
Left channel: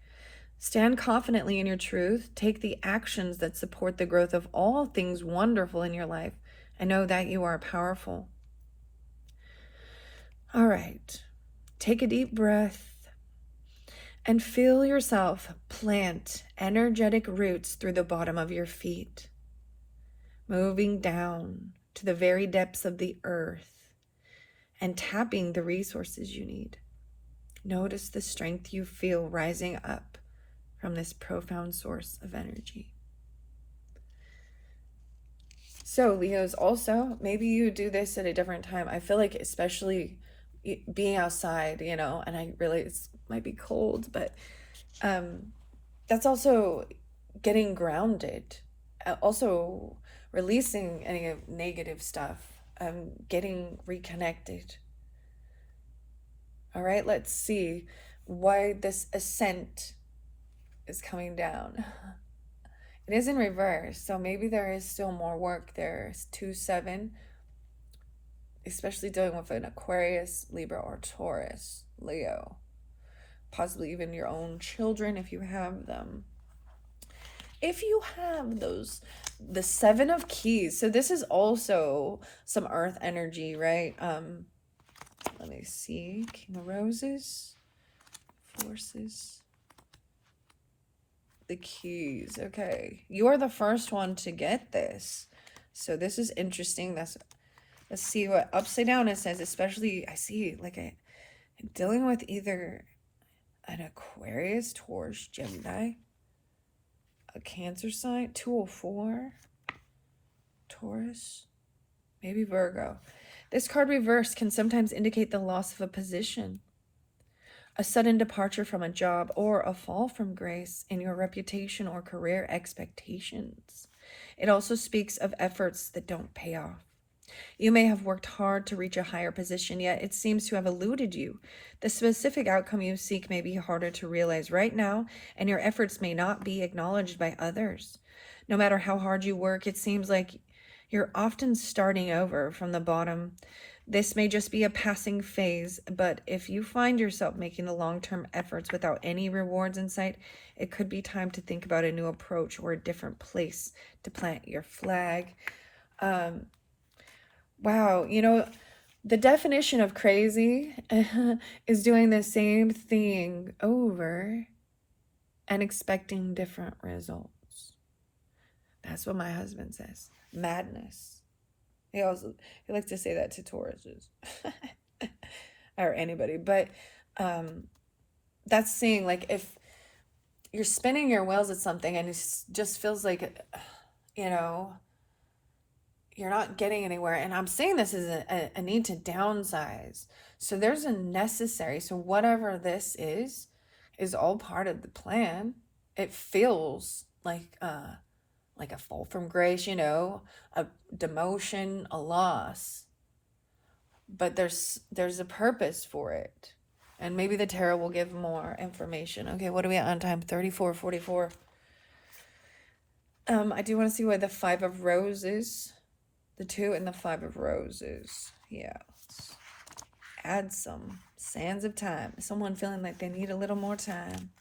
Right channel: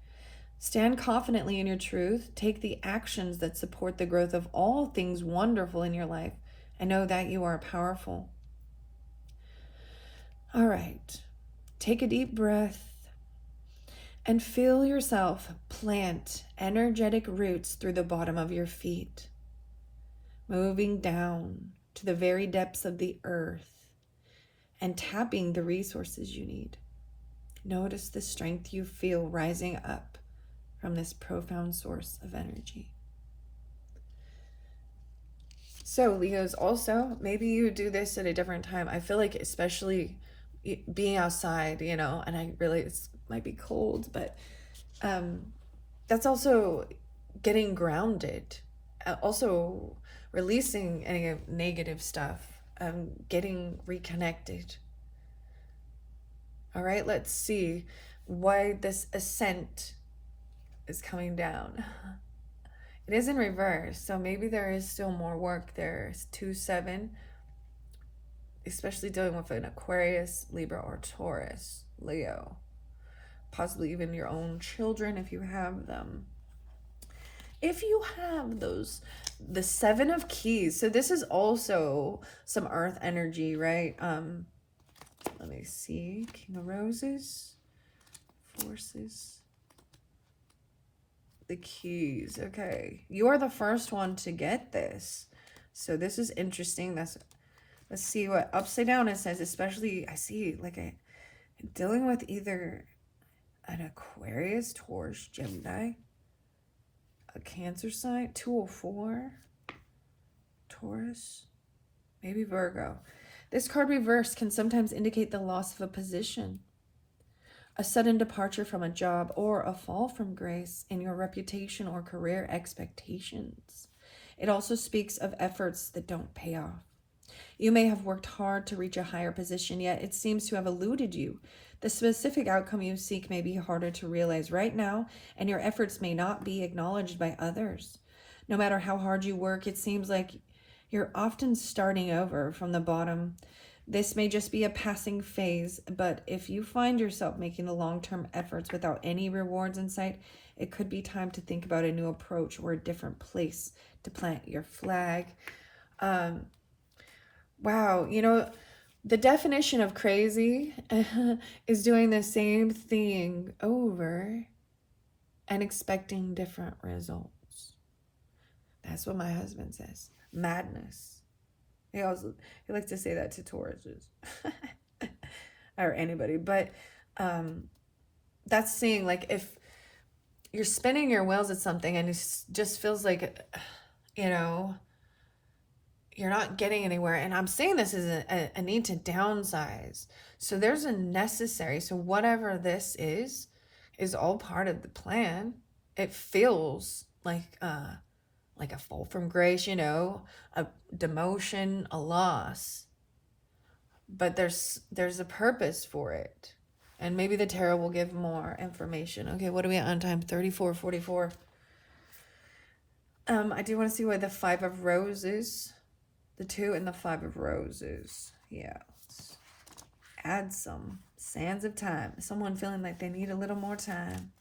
Stand confidently in your truth. Take the actions that support the growth of all things wonderful in your life. I know that you are powerful. All right, take a deep breath and feel yourself plant energetic roots through the bottom of your feet, moving down to the very depths of the earth and tapping the resources you need. Notice the strength you feel rising up from this profound source of energy. So Leos, also, maybe you do this at a different time. I feel like especially being outside, and I really, it might be cold, but that's also getting grounded. Also releasing any negative stuff, getting reconnected. All right, let's see why this ascent is coming down. It is in reverse, so maybe there is still more work there. It's 2-7, especially dealing with an Aquarius, Libra, or Taurus, Leo. Possibly even your own children if you have them. If you have those, the 7 of Keys. So this is also some earth energy, right? Let me see. King of Roses, Forces, the Keys. Okay, you are the first one to get this, so this is interesting. Let's see what upside down it says. Especially, I see I'm dealing with either an Aquarius, Taurus, Gemini, a Cancer sign, 204, Taurus, maybe Virgo. This card reversed can sometimes indicate the loss of a position, a sudden departure from a job, or a fall from grace in your reputation or career expectations. It also speaks of efforts that don't pay off. You may have worked hard to reach a higher position, yet it seems to have eluded you. The specific outcome you seek may be harder to realize right now, and your efforts may not be acknowledged by others. No matter how hard you work, it seems like you're often starting over from the bottom. This may just be a passing phase, but if you find yourself making the long-term efforts without any rewards in sight, it could be time to think about a new approach or a different place to plant your flag. Wow, the definition of crazy is doing the same thing over and expecting different results. That's what my husband says. Madness. He likes to say that to Tauruses or anybody, but that's saying if you're spinning your wheels at something and it just feels like you're not getting anywhere. And I'm saying this is a need to downsize. So there's a necessary. So whatever this is all part of the plan. It feels like a fall from grace, a demotion, a loss. But there's a purpose for it. And maybe the tarot will give more information. Okay, what are we at on time? 34:44. I do want to see why the 5 of Roses, The 2 and the 5 of Roses. Yeah. Let's add some sands of time. Someone feeling like they need a little more time.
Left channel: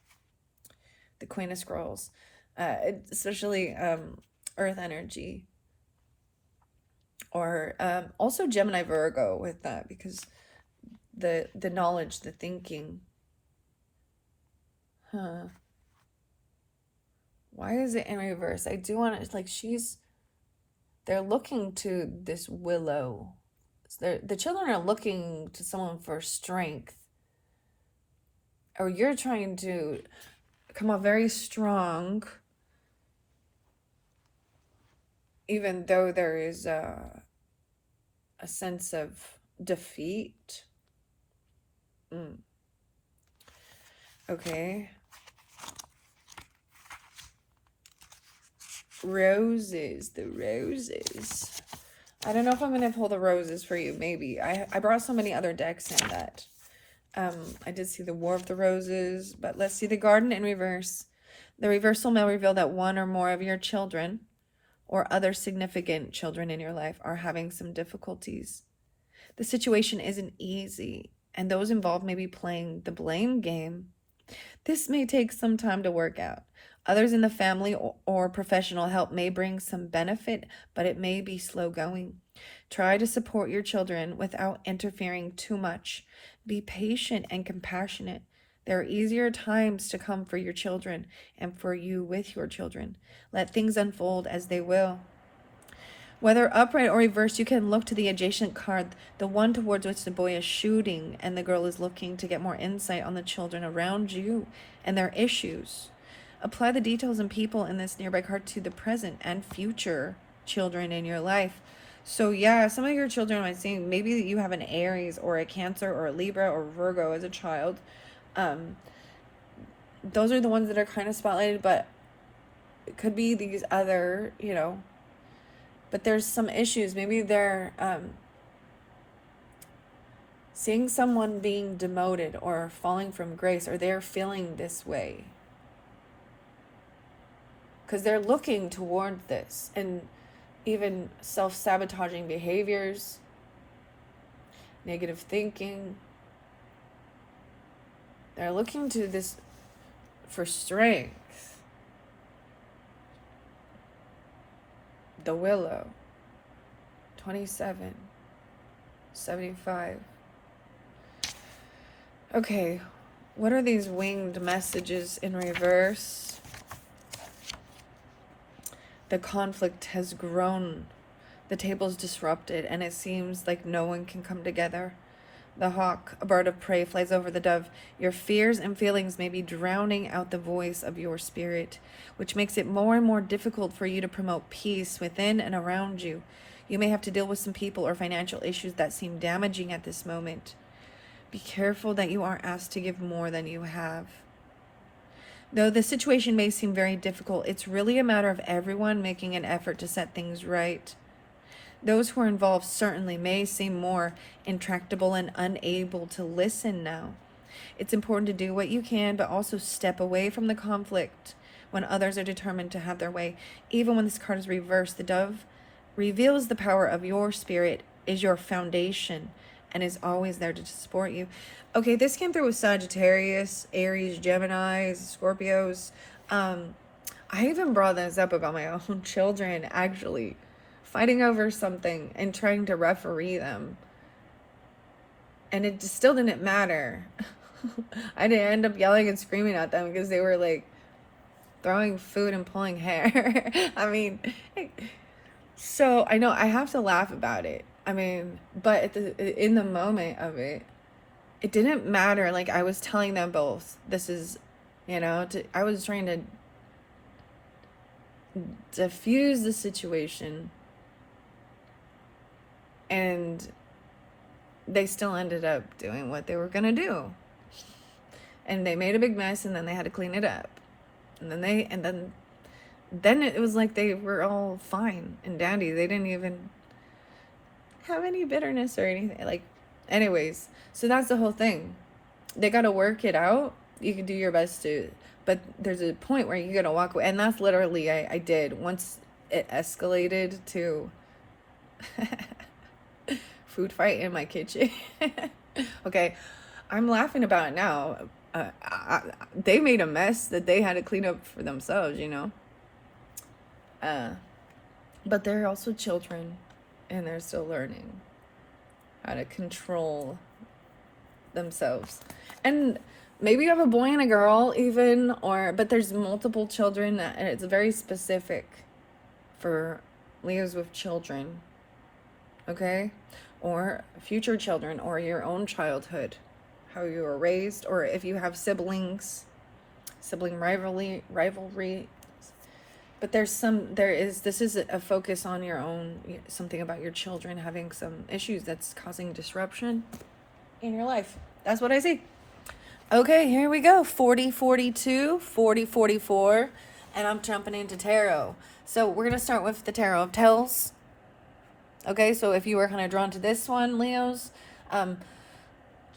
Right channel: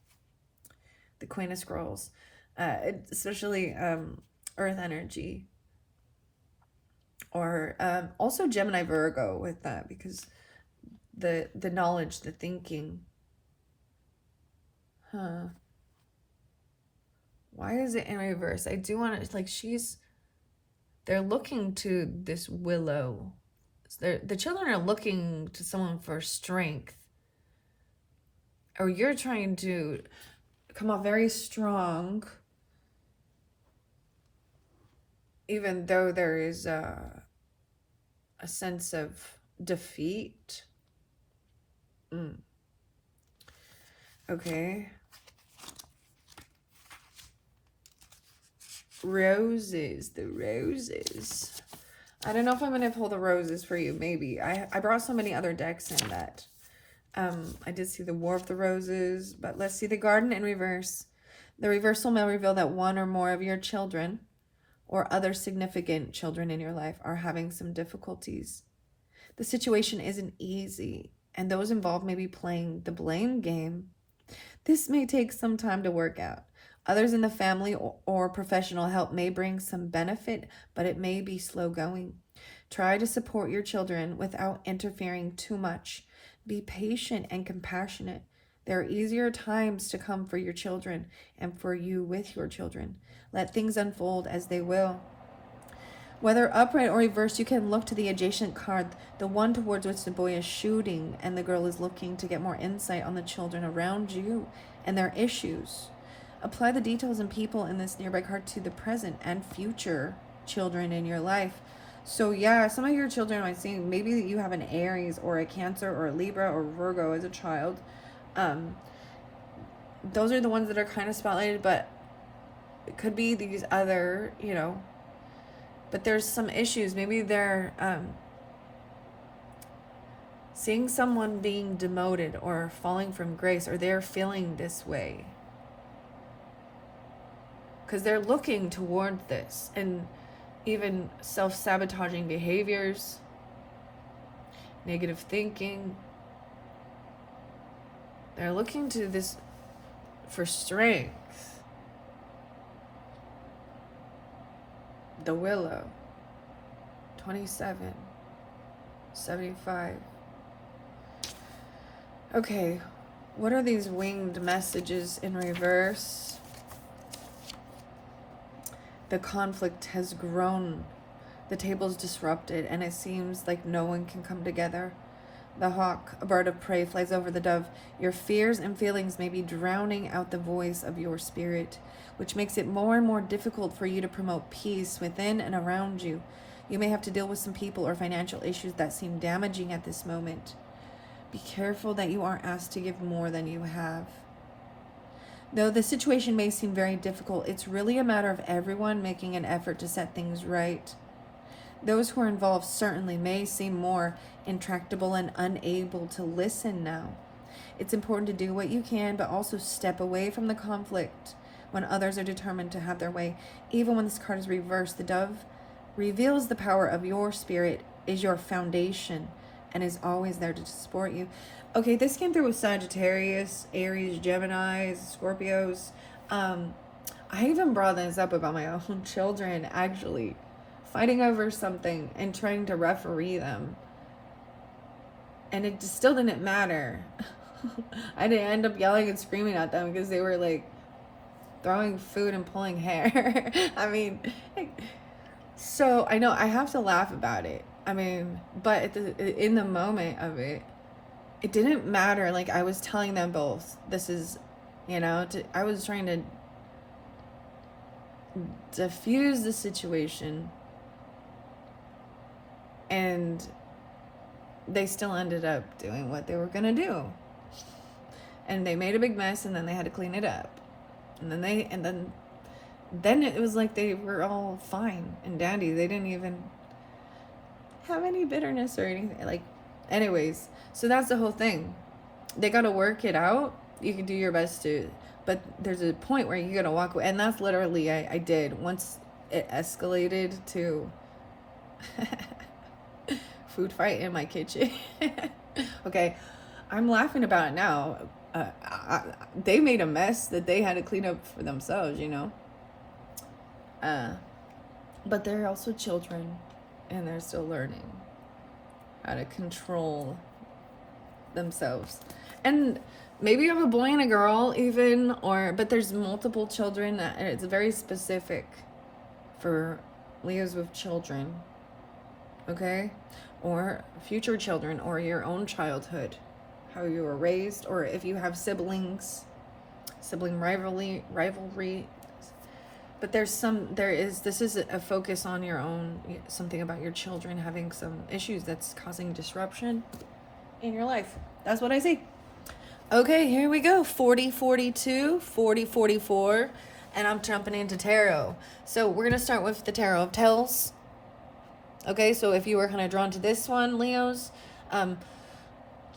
The Queen of Scrolls. Especially Earth energy. Or also Gemini Virgo with that, because the knowledge, the thinking. Why is it in reverse? I do want to, like, they're looking to this willow. The children are looking to someone for strength. Or you're trying to come off very strong, even though there is a sense of defeat. Okay. Roses, the roses. I don't know if I'm going to pull the roses for you. Maybe. I brought so many other decks in that I did see the War of the Roses, but let's see the Garden in reverse. The reversal may reveal that one or more of your children or other significant children in your life are having some difficulties. The situation isn't easy, and those involved may be playing the blame game. This may take some time to work out. Others in the family or professional help may bring some benefit, but it may be slow going. Try to support your children without interfering too much. Be patient and compassionate. There are easier times to come for your children and for you with your children. Let things unfold as they will. Whether upright or reversed, you can look to the adjacent card, the one towards which the boy is shooting and the girl is looking, to get more insight on the children around you and their issues. Apply the details and people in this nearby card to the present and future children in your life. So yeah, some of your children might see, maybe you have an Aries or a Cancer or a Libra or Virgo as a child. Those are the ones that are kind of spotlighted, but it could be these other, but there's some issues. Maybe they're seeing someone being demoted or falling from grace, or they're feeling this way because they're looking toward this, and even self-sabotaging behaviors, negative thinking. They're looking to this for strength. The Willow. 27. 75. Okay. What are these winged messages in reverse? The conflict has grown. The table's disrupted, and it seems like no one can come together. The hawk, a bird of prey, flies over the dove. Your fears and feelings may be drowning out the voice of your spirit, which makes it more and more difficult for you to promote peace within and around you. You may have to deal with some people or financial issues that seem damaging at this moment. Be careful that you aren't asked to give more than you have. Though the situation may seem very difficult, it's really a matter of everyone making an effort to set things right. Those who are involved certainly may seem more intractable and unable to listen now. It's important to do what you can, but also step away from the conflict when others are determined to have their way. Even when this card is reversed, the dove reveals the power of your spirit is your foundation and is always there to support you. Okay, this came through with Sagittarius, Aries, Geminis, Scorpios. I even brought this up about my own children, actually, fighting over something and trying to referee them. And it still didn't matter. I didn't end up yelling and screaming at them because they were like throwing food and pulling hair. I mean, so I know I have to laugh about it. I mean, but in the moment of it, it didn't matter. Like, I was telling them both, this is, I was trying to diffuse the situation, and they still ended up doing what they were gonna do, and they made a big mess, and then they had to clean it up, and then it was like they were all fine and dandy. They didn't even have any bitterness or anything. Like, anyways, so that's the whole thing. They got to work it out. You can do your best to, but there's a point where you're gonna walk away, and that's literally I did once it escalated to Food fight in my kitchen. Okay, I'm laughing about it now. They made a mess that they had to clean up for themselves, you know. But they're also children, and they're still learning how to control themselves. And maybe you have a boy and a girl even, but there's multiple children, and it's very specific for Leos with children, okay? Or future children, or your own childhood, how you were raised, or if you have siblings, sibling rivalry. But this is a focus on your own, something about your children having some issues that's causing disruption in your life. That's what I see. Okay, here we go. 4042, 4044, and I'm jumping into tarot. So we're going to start with the Tarot of Tells. Okay, so if you were kind of drawn to this one, Leos,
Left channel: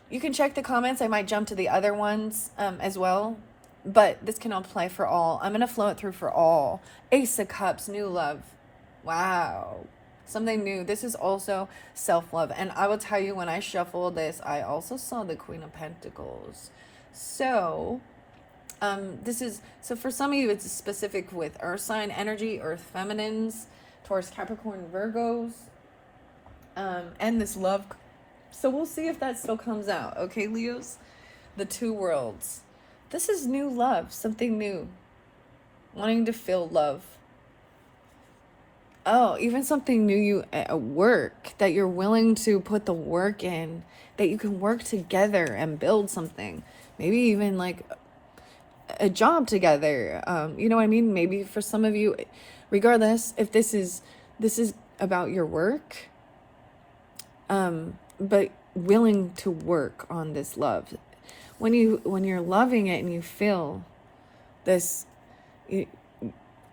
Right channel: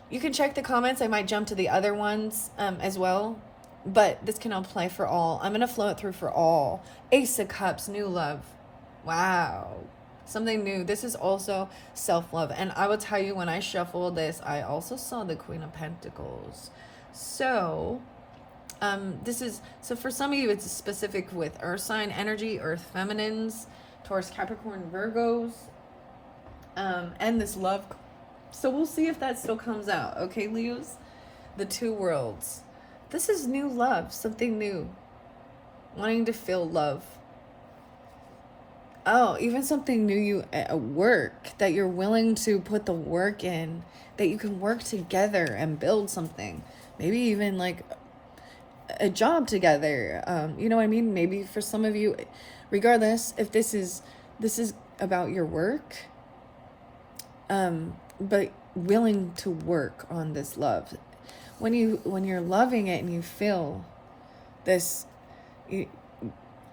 you can check the comments. I might jump to the other ones as well, but this can apply for all. I'm going to flow it through for all. Ace of Cups, new love. Wow. Something new. This is also self-love. And I will tell you, when I shuffled this, I also saw the Queen of Pentacles. So, so for some of you, it's specific with earth sign energy, earth feminines, Taurus, Capricorn, Virgos, and this love. So we'll see if that still comes out. Okay, Leos? The two worlds. This is new love, something new. Wanting to feel love. Oh, even something new at work, that you're willing to put the work in, that you can work together and build something. Maybe even like a job together. You know what I mean? Maybe for some of you, regardless if this is about your work, but willing to work on this love. When you're loving it and you feel this, you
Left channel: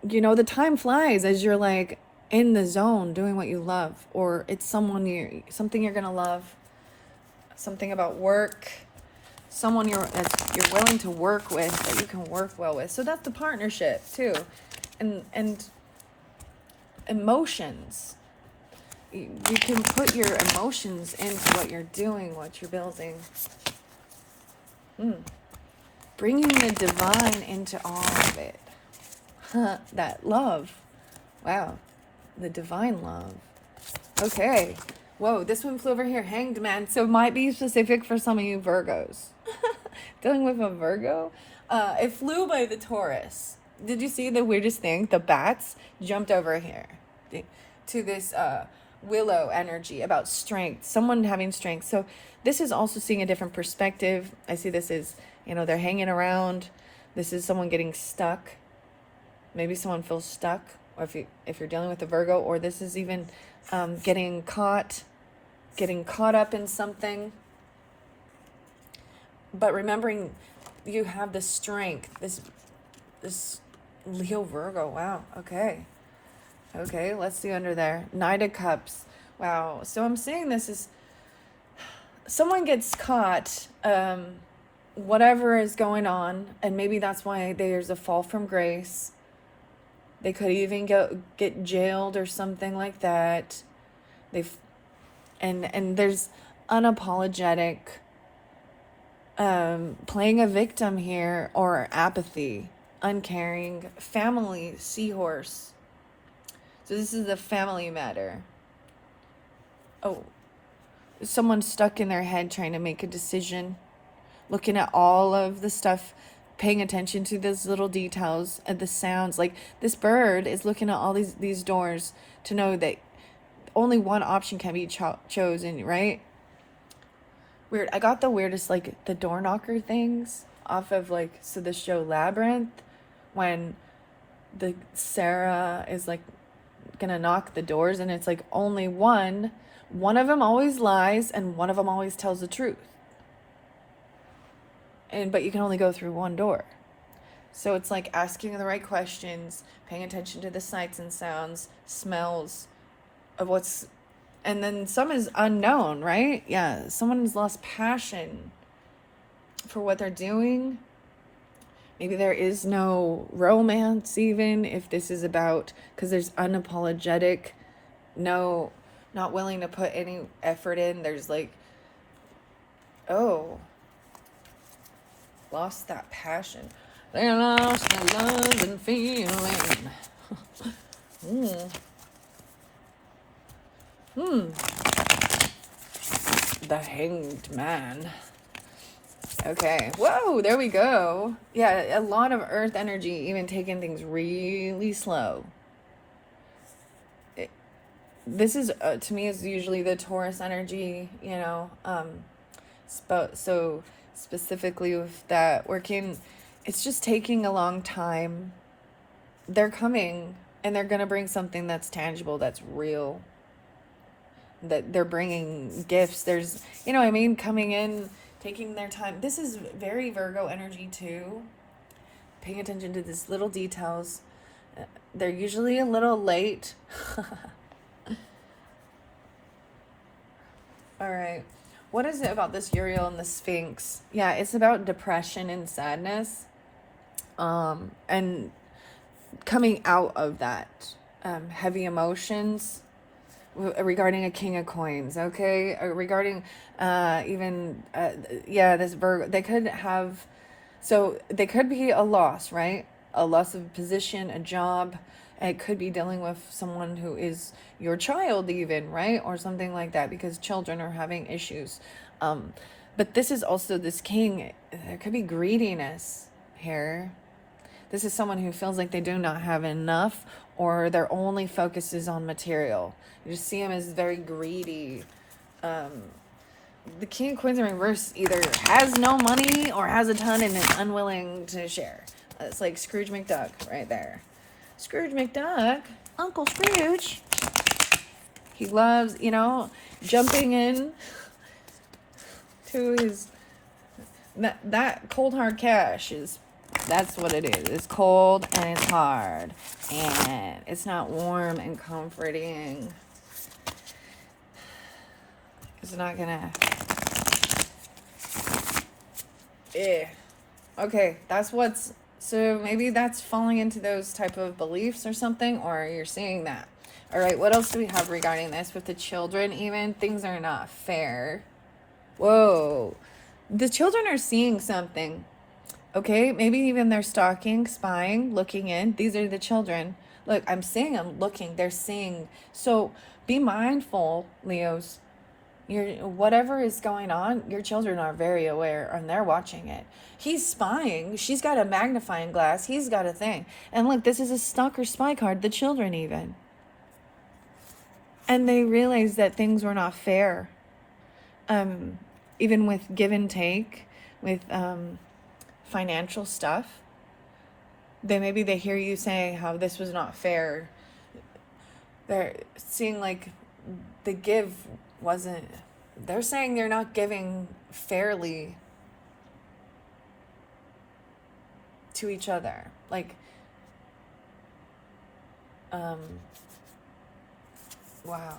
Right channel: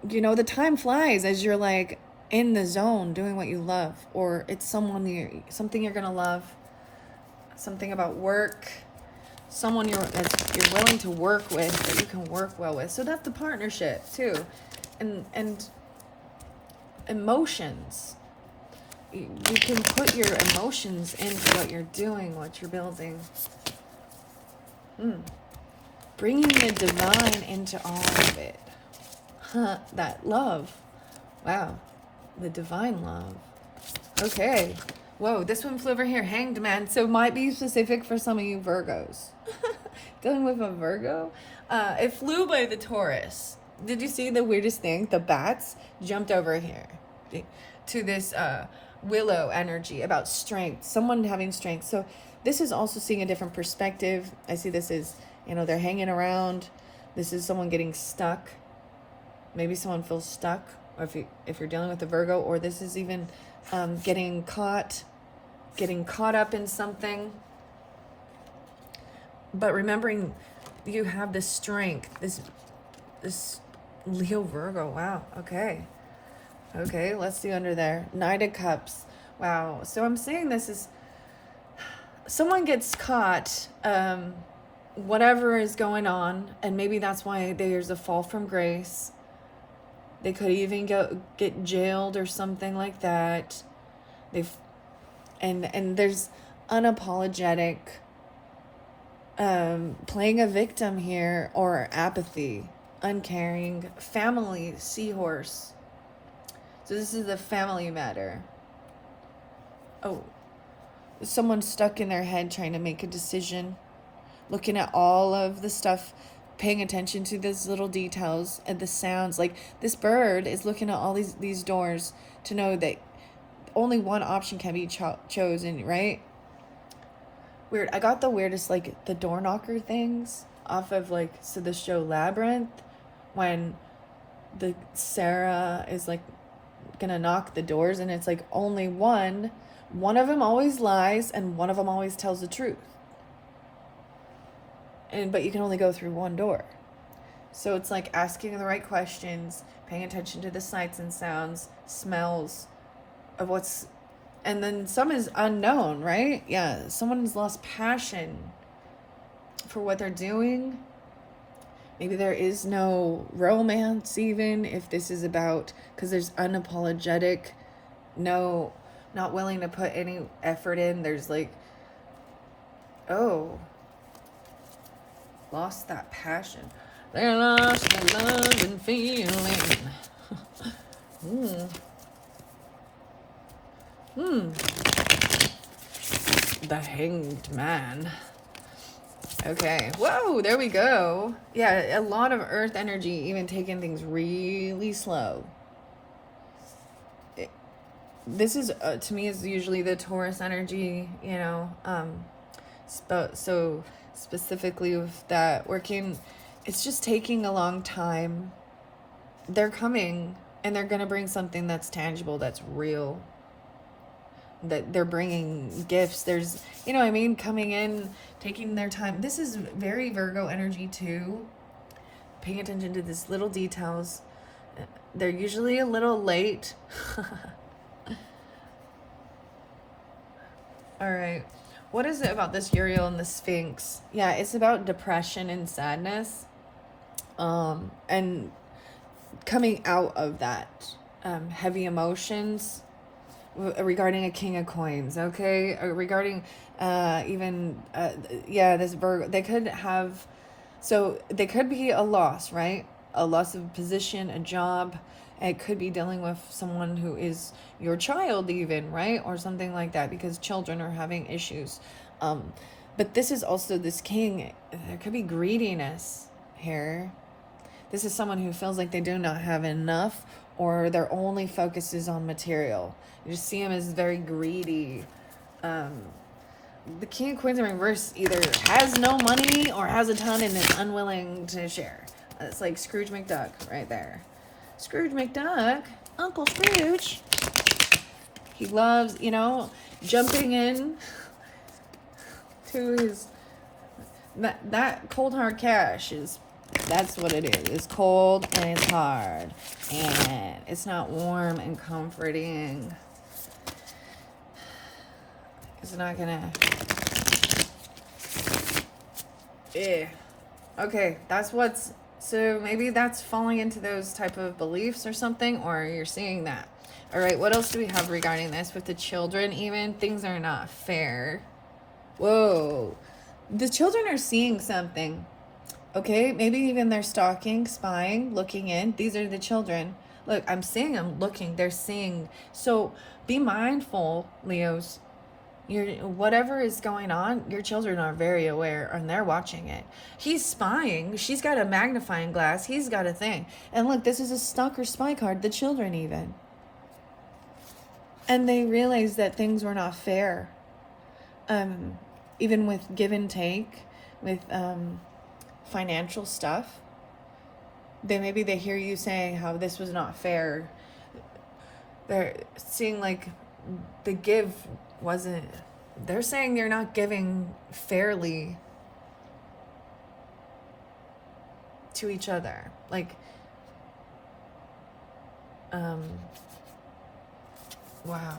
know, the time flies as you're like in the zone doing what you love, or it's something you're gonna love, something about work, someone you're willing to work with, that you can work well with. So that's the partnership too. And emotions, you can put your emotions into what you're doing, what you're building. Bringing the divine into all of it. That love. Wow. The divine love. Okay. Whoa, this one flew over here. Hanged Man. So it might be specific for some of you Virgos. Dealing with a Virgo. It flew by the Taurus. Did you see the weirdest thing? The bats jumped over here to this willow energy about strength. Someone having strength. So this is also seeing a different perspective. I see this is, you know, they're hanging around. This is someone getting stuck. Maybe someone feels stuck, or if you're dealing with a Virgo, or this is even getting caught up in something. But remembering you have this strength, this Leo Virgo. Wow. Okay, let's see under there. Knight of Cups. Wow. So I'm seeing this is someone gets caught, whatever is going on, and maybe that's why there's a fall from grace. They could even get jailed or something like that. And there's unapologetic playing a victim here, or apathy, uncaring, family, seahorse. So this is a family matter. Oh, someone stuck in their head trying to make a decision, looking at all of the stuff, paying attention to those little details and the sounds. Like this bird is looking at all these doors to know that only one option can be chosen, right? Weird. I got the weirdest, like the door knocker things off of the show Labyrinth, when the Sarah is like gonna knock the doors, and it's like only one of them always lies and one of them always tells the truth. But you can only go through one door. So it's like asking the right questions, paying attention to the sights and sounds, smells of what's, and then some is unknown, right? Yeah, someone's lost passion for what they're doing. Maybe there is no romance, even if this is about, because there's unapologetic, no not willing to put any effort in. There's like, oh, lost that passion. They lost the love and feeling. The Hanged Man. Okay. Whoa, there we go. Yeah, a lot of earth energy, even taking things really slow. This is, to me, is usually the Taurus energy, you know. So specifically with that working, it's just taking a long time. They're coming, and they're going to bring something that's tangible, that's real. That they're bringing gifts. There's, you know what I mean, coming in, taking their time. This is very Virgo energy too. Paying attention to these little details. They're usually a little late. All right. What is it about this Uriel and the Sphinx? Yeah, it's about depression and sadness. And coming out of that. Heavy emotions. Regarding a King of Coins, okay? Regarding this Virgo, they could have, so they could be a loss, right? A loss of position, a job. It could be dealing with someone who is your child even, right? Or something like that, because children are having issues. But this is also this king. There could be greediness here. This is someone who feels like they do not have enough, or their only focus is on material. You just see him as very greedy. The King of Coins in reverse either has no money or has a ton and is unwilling to share. It's like Scrooge McDuck right there. Scrooge McDuck, Uncle Scrooge. He loves, you know, jumping in to his, that cold hard cash is, that's what it is. It's cold and it's hard. And it's not warm and comforting. It's not gonna... Okay, that's what's... So maybe that's falling into those type of beliefs or something, or you're seeing that. All right, what else do we have regarding this? With the children even, things are not fair. Whoa. The children are seeing something. Okay, maybe even they're stalking, spying, looking in. These are the children. Look, I'm seeing them looking. They're seeing. So be mindful, Leos. Whatever is going on, your children are very aware and they're watching it. He's spying. She's got a magnifying glass. He's got a thing. And look, this is a stalker spy card. The children even. And they realize that things were not fair. Even with give and take, with financial stuff. Maybe they hear you saying how this was not fair. They're seeing like the give wasn't, they're saying you're not giving fairly to each other. Like, wow.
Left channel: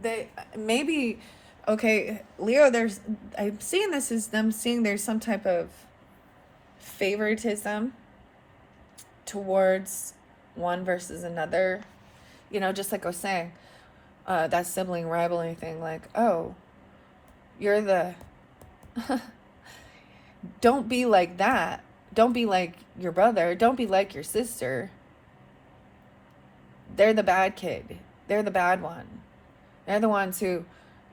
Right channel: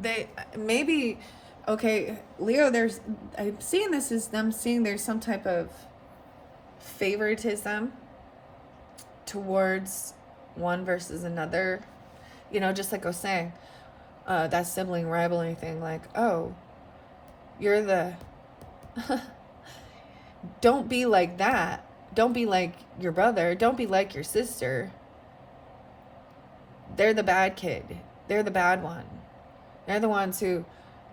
They, maybe, okay, Leo, I'm seeing this as them seeing there's some type of favoritism towards one versus another. You know, just like I was saying, that sibling rivalry thing, like, oh, you're the... Don't be like that. Don't be like your brother. Don't be like your sister. They're the bad kid. They're the bad one. They're the ones who,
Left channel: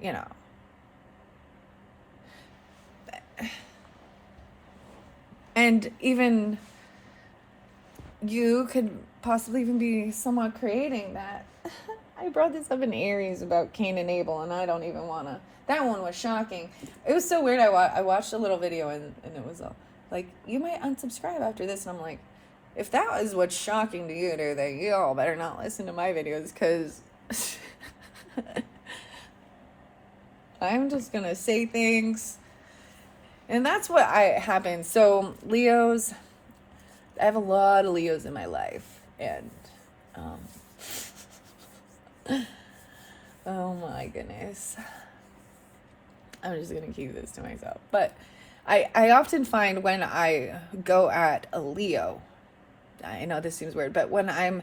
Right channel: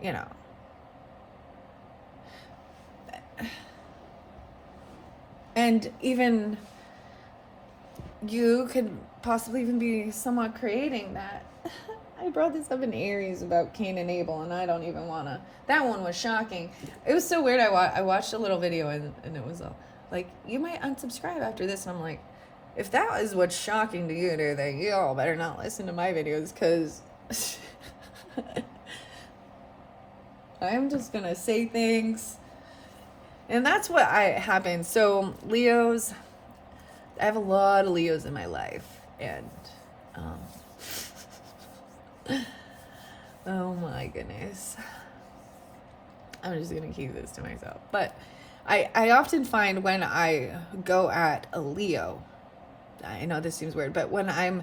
you know... And even you could possibly even be somewhat creating that. I brought this up in Aries about Cain and Abel, and I don't even want to. That one was shocking. It was so weird. I watched a little video, and it was like, you might unsubscribe after this. And I'm like, if that is what's shocking to you, dude, then you all better not listen to my videos, because I'm just going to say things. And that's what happens. So Leos, I have a lot of Leos in my life. And, oh my goodness. I'm just going to keep this to myself. But I often find when I go at a Leo, I know this seems weird, but when I'm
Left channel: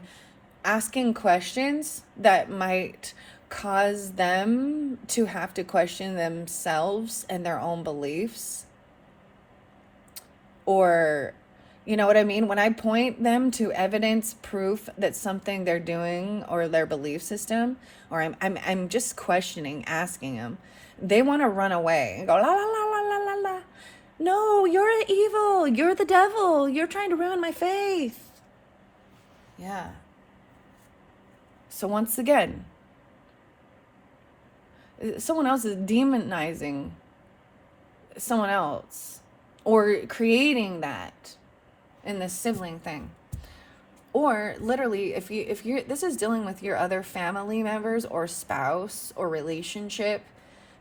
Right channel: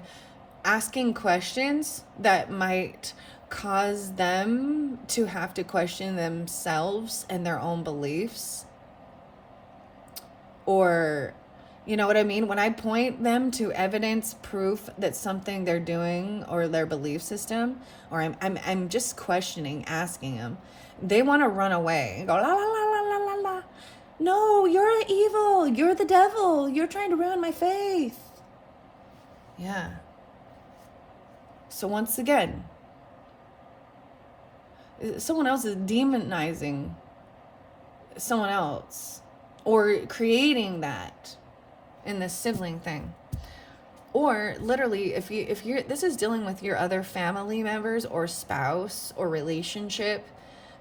asking questions that might cause them to have to question themselves and their own beliefs. Or, you know what I mean? When I point them to evidence, proof that something they're doing or their belief system, or I'm just questioning, asking them, they want to run away and go, la, la, la, la, la, la, la. No, you're evil. You're the devil. You're trying to ruin my faith. Yeah. So once again, someone else is demonizing someone else or creating that in this sibling thing. Or literally, if you're this is dealing with your other family members or spouse or relationship,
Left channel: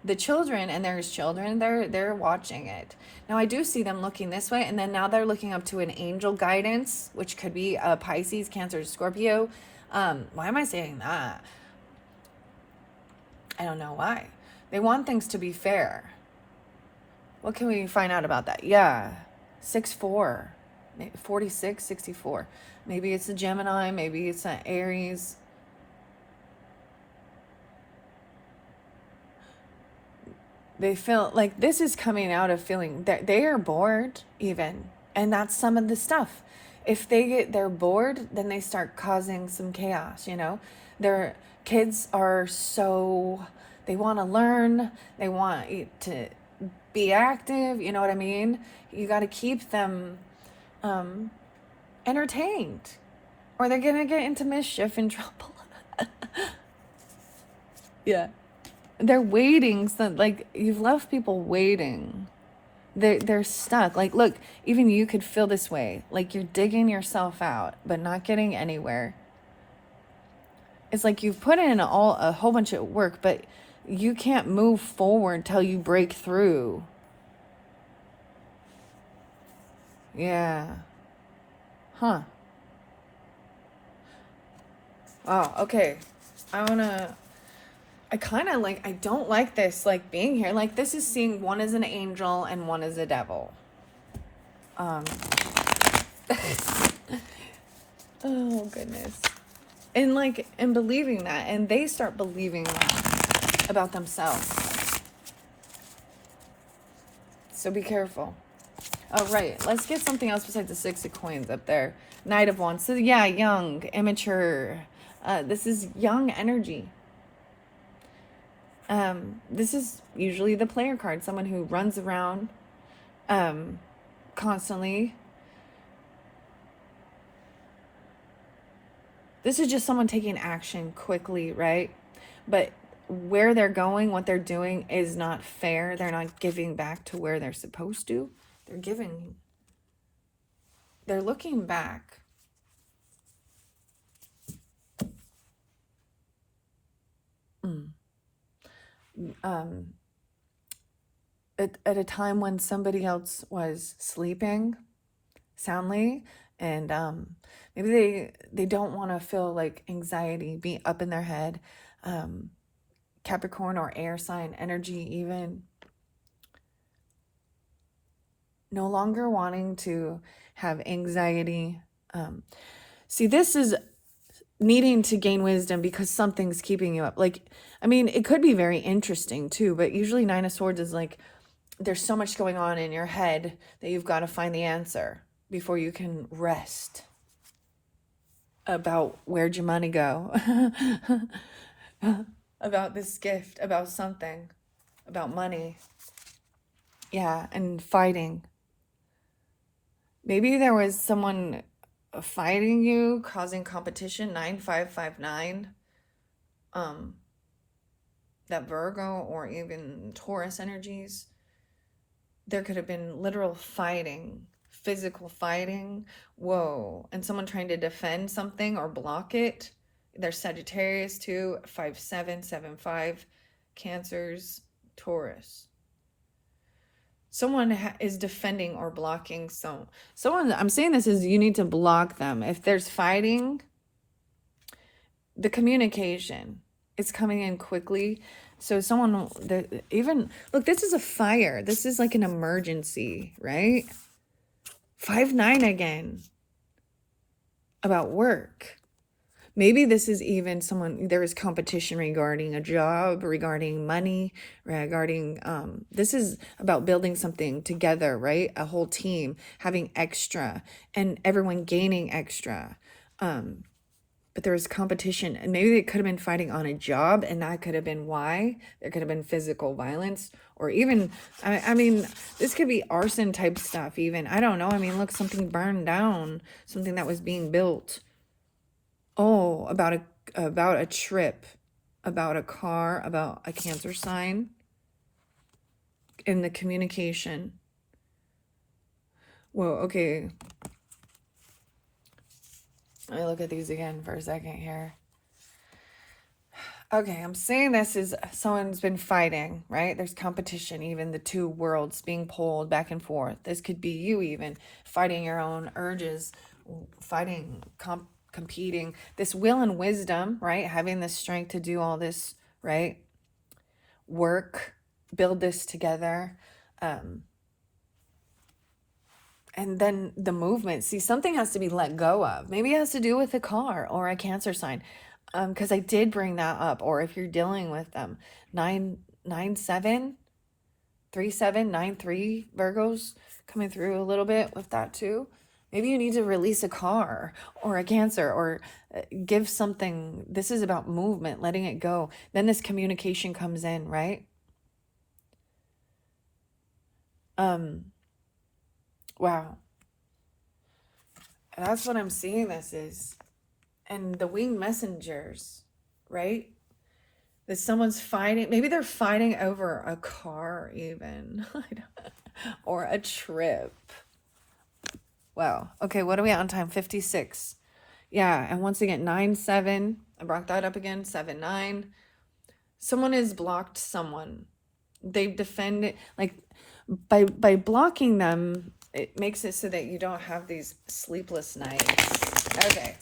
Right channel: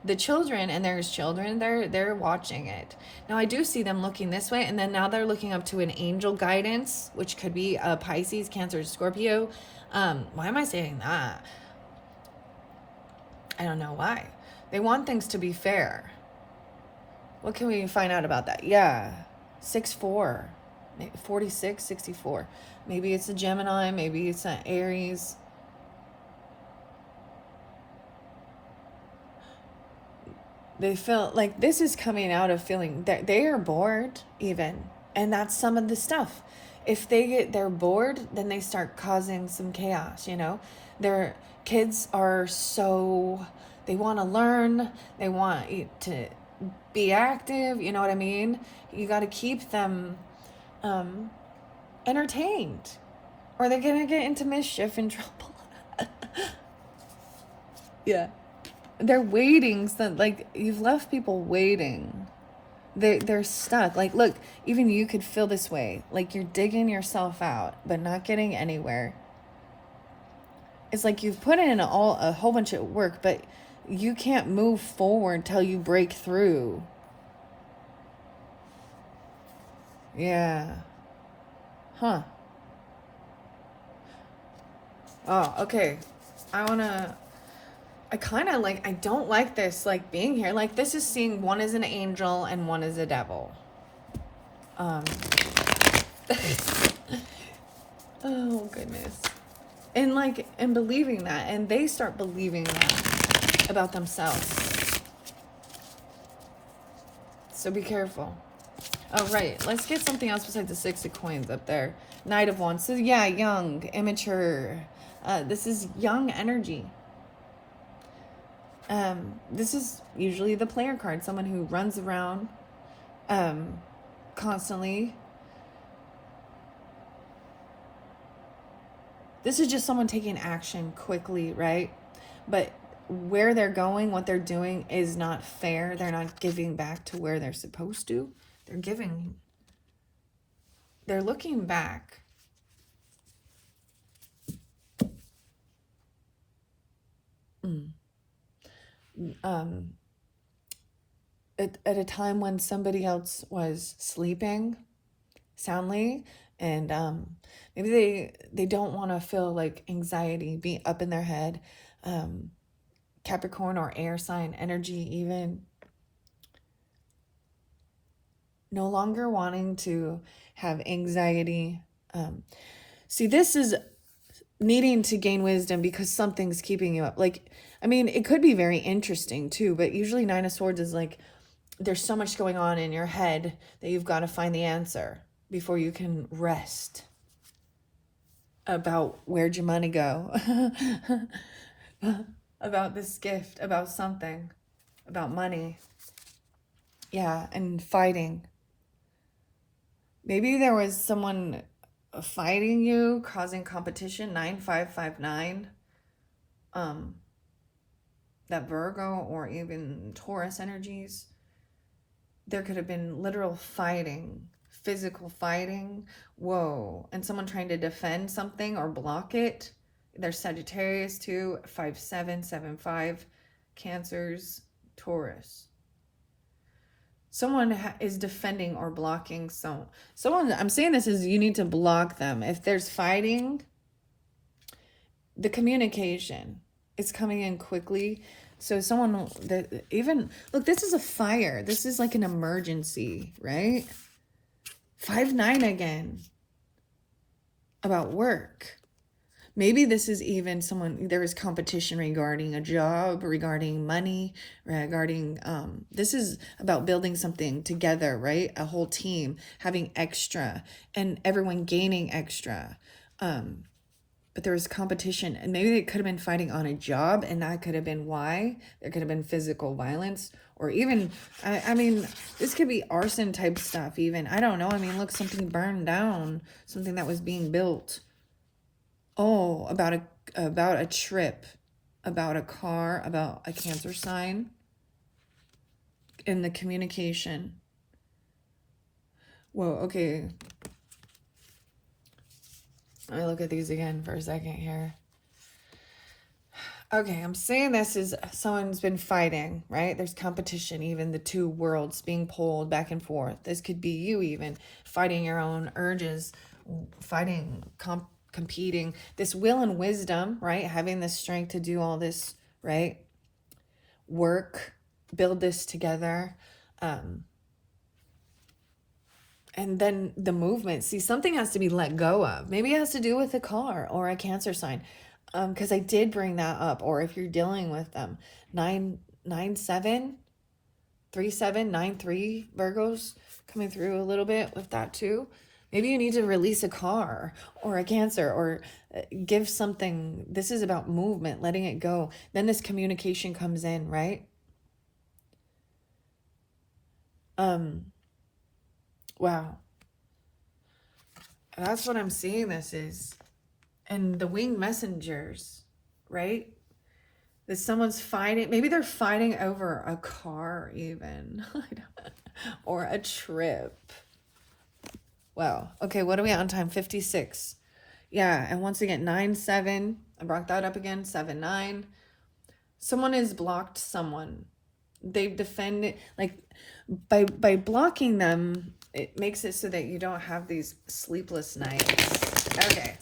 the children, and there's children, they're watching it. Now I do see them looking this way, and then now they're looking up to an angel guidance, which could be a Pisces, Cancer, Scorpio. Why am I saying that? I don't know why. They want things to be fair. What can we find out about that? Yeah, 6'4", 46, 64. Maybe it's a Gemini, maybe it's an Aries. They feel like this is coming out of feeling that they are bored even. And that's some of the stuff. If they're bored, then they start causing some chaos, you know. Their kids are they want to learn, they want to be active, you know what I mean? You got to keep them entertained, or they're going to get into mischief and trouble. Yeah. They're waiting, so like you've left people waiting. They're stuck. Like, look, even you could feel this way. Like you're digging yourself out, but not getting anywhere. It's like you've put in a whole bunch of work, but you can't move forward till you break through. Yeah. Huh. Oh, okay. I kind of like, I don't like this, like being here. Like this is seeing one as an angel and one as a devil. Oh goodness. And believing that, and they start believing that about themselves. So be careful. Oh, right. Let's get something else besides the 6 of coins up there. Knight of Wands. So yeah, young, immature. This is young energy. This is usually the player card, someone who runs around constantly. This is just someone taking action quickly, right? But where they're going, what they're doing is not fair. They're not giving back to where they're supposed to. They're looking back. At a time when somebody else was sleeping soundly, and maybe they don't want to feel like anxiety be up in their head. Capricorn or air sign energy, even no longer wanting to have anxiety. See, this is needing to gain wisdom because something's keeping you up. Like, I mean, it could be very interesting too, but usually 9 of Swords is like, there's so much going on in your head that you've got to find the answer before you can rest about where'd your money go, about this gift, about something, about money. Yeah, and fighting. Maybe there was someone fighting you, causing competition. 9559. That Virgo or even Taurus energies. There could have been literal fighting, physical fighting. Whoa. And someone trying to defend something or block it. There's Sagittarius too. 5775. Cancers, Taurus. Someone is defending or blocking someone. I'm saying this is you need to block them. If there's fighting, the communication is coming in quickly. So someone that even look, this is a fire. This is like an emergency, right? 5-9 again. About work. Maybe this is even someone, there is competition regarding a job, regarding money, regarding, this is about building something together, right? A whole team having extra and everyone gaining extra. But there's competition, and maybe they could have been fighting on a job, and that could have been why. There could have been physical violence, or even, I mean, this could be arson type stuff even. I don't know. I mean, look, something burned down, something that was being built. Oh, about a trip, about a car, about a Cancer sign, in the communication. Whoa, okay. Let me look at these again for a second here. Okay, I'm saying this is someone's been fighting, right? There's competition, even the two worlds being pulled back and forth. This could be you even fighting your own urges, fighting, competing. This will and wisdom, right? Having the strength to do all this, right? Work, build this together. And then the movement. See, something has to be let go of. Maybe it has to do with a car or a Cancer sign. Because I did bring that up. Or if you're dealing with 997, 3793 Virgos coming through a little bit with that too. Maybe you need to release a car or a Cancer, or give something. This is about movement, letting it go. Then this communication comes in, right? Wow. That's what I'm seeing this is. And the winged messengers, right? That someone's fighting. Maybe they're fighting over a car even. Or a trip. Wow. Okay, what are we on time? 56. Yeah, and once again, 9-7. I brought that up again. 7-9. Someone has blocked someone. They've defended, like, by blocking them, it makes it so that you don't have these sleepless nights. Okay.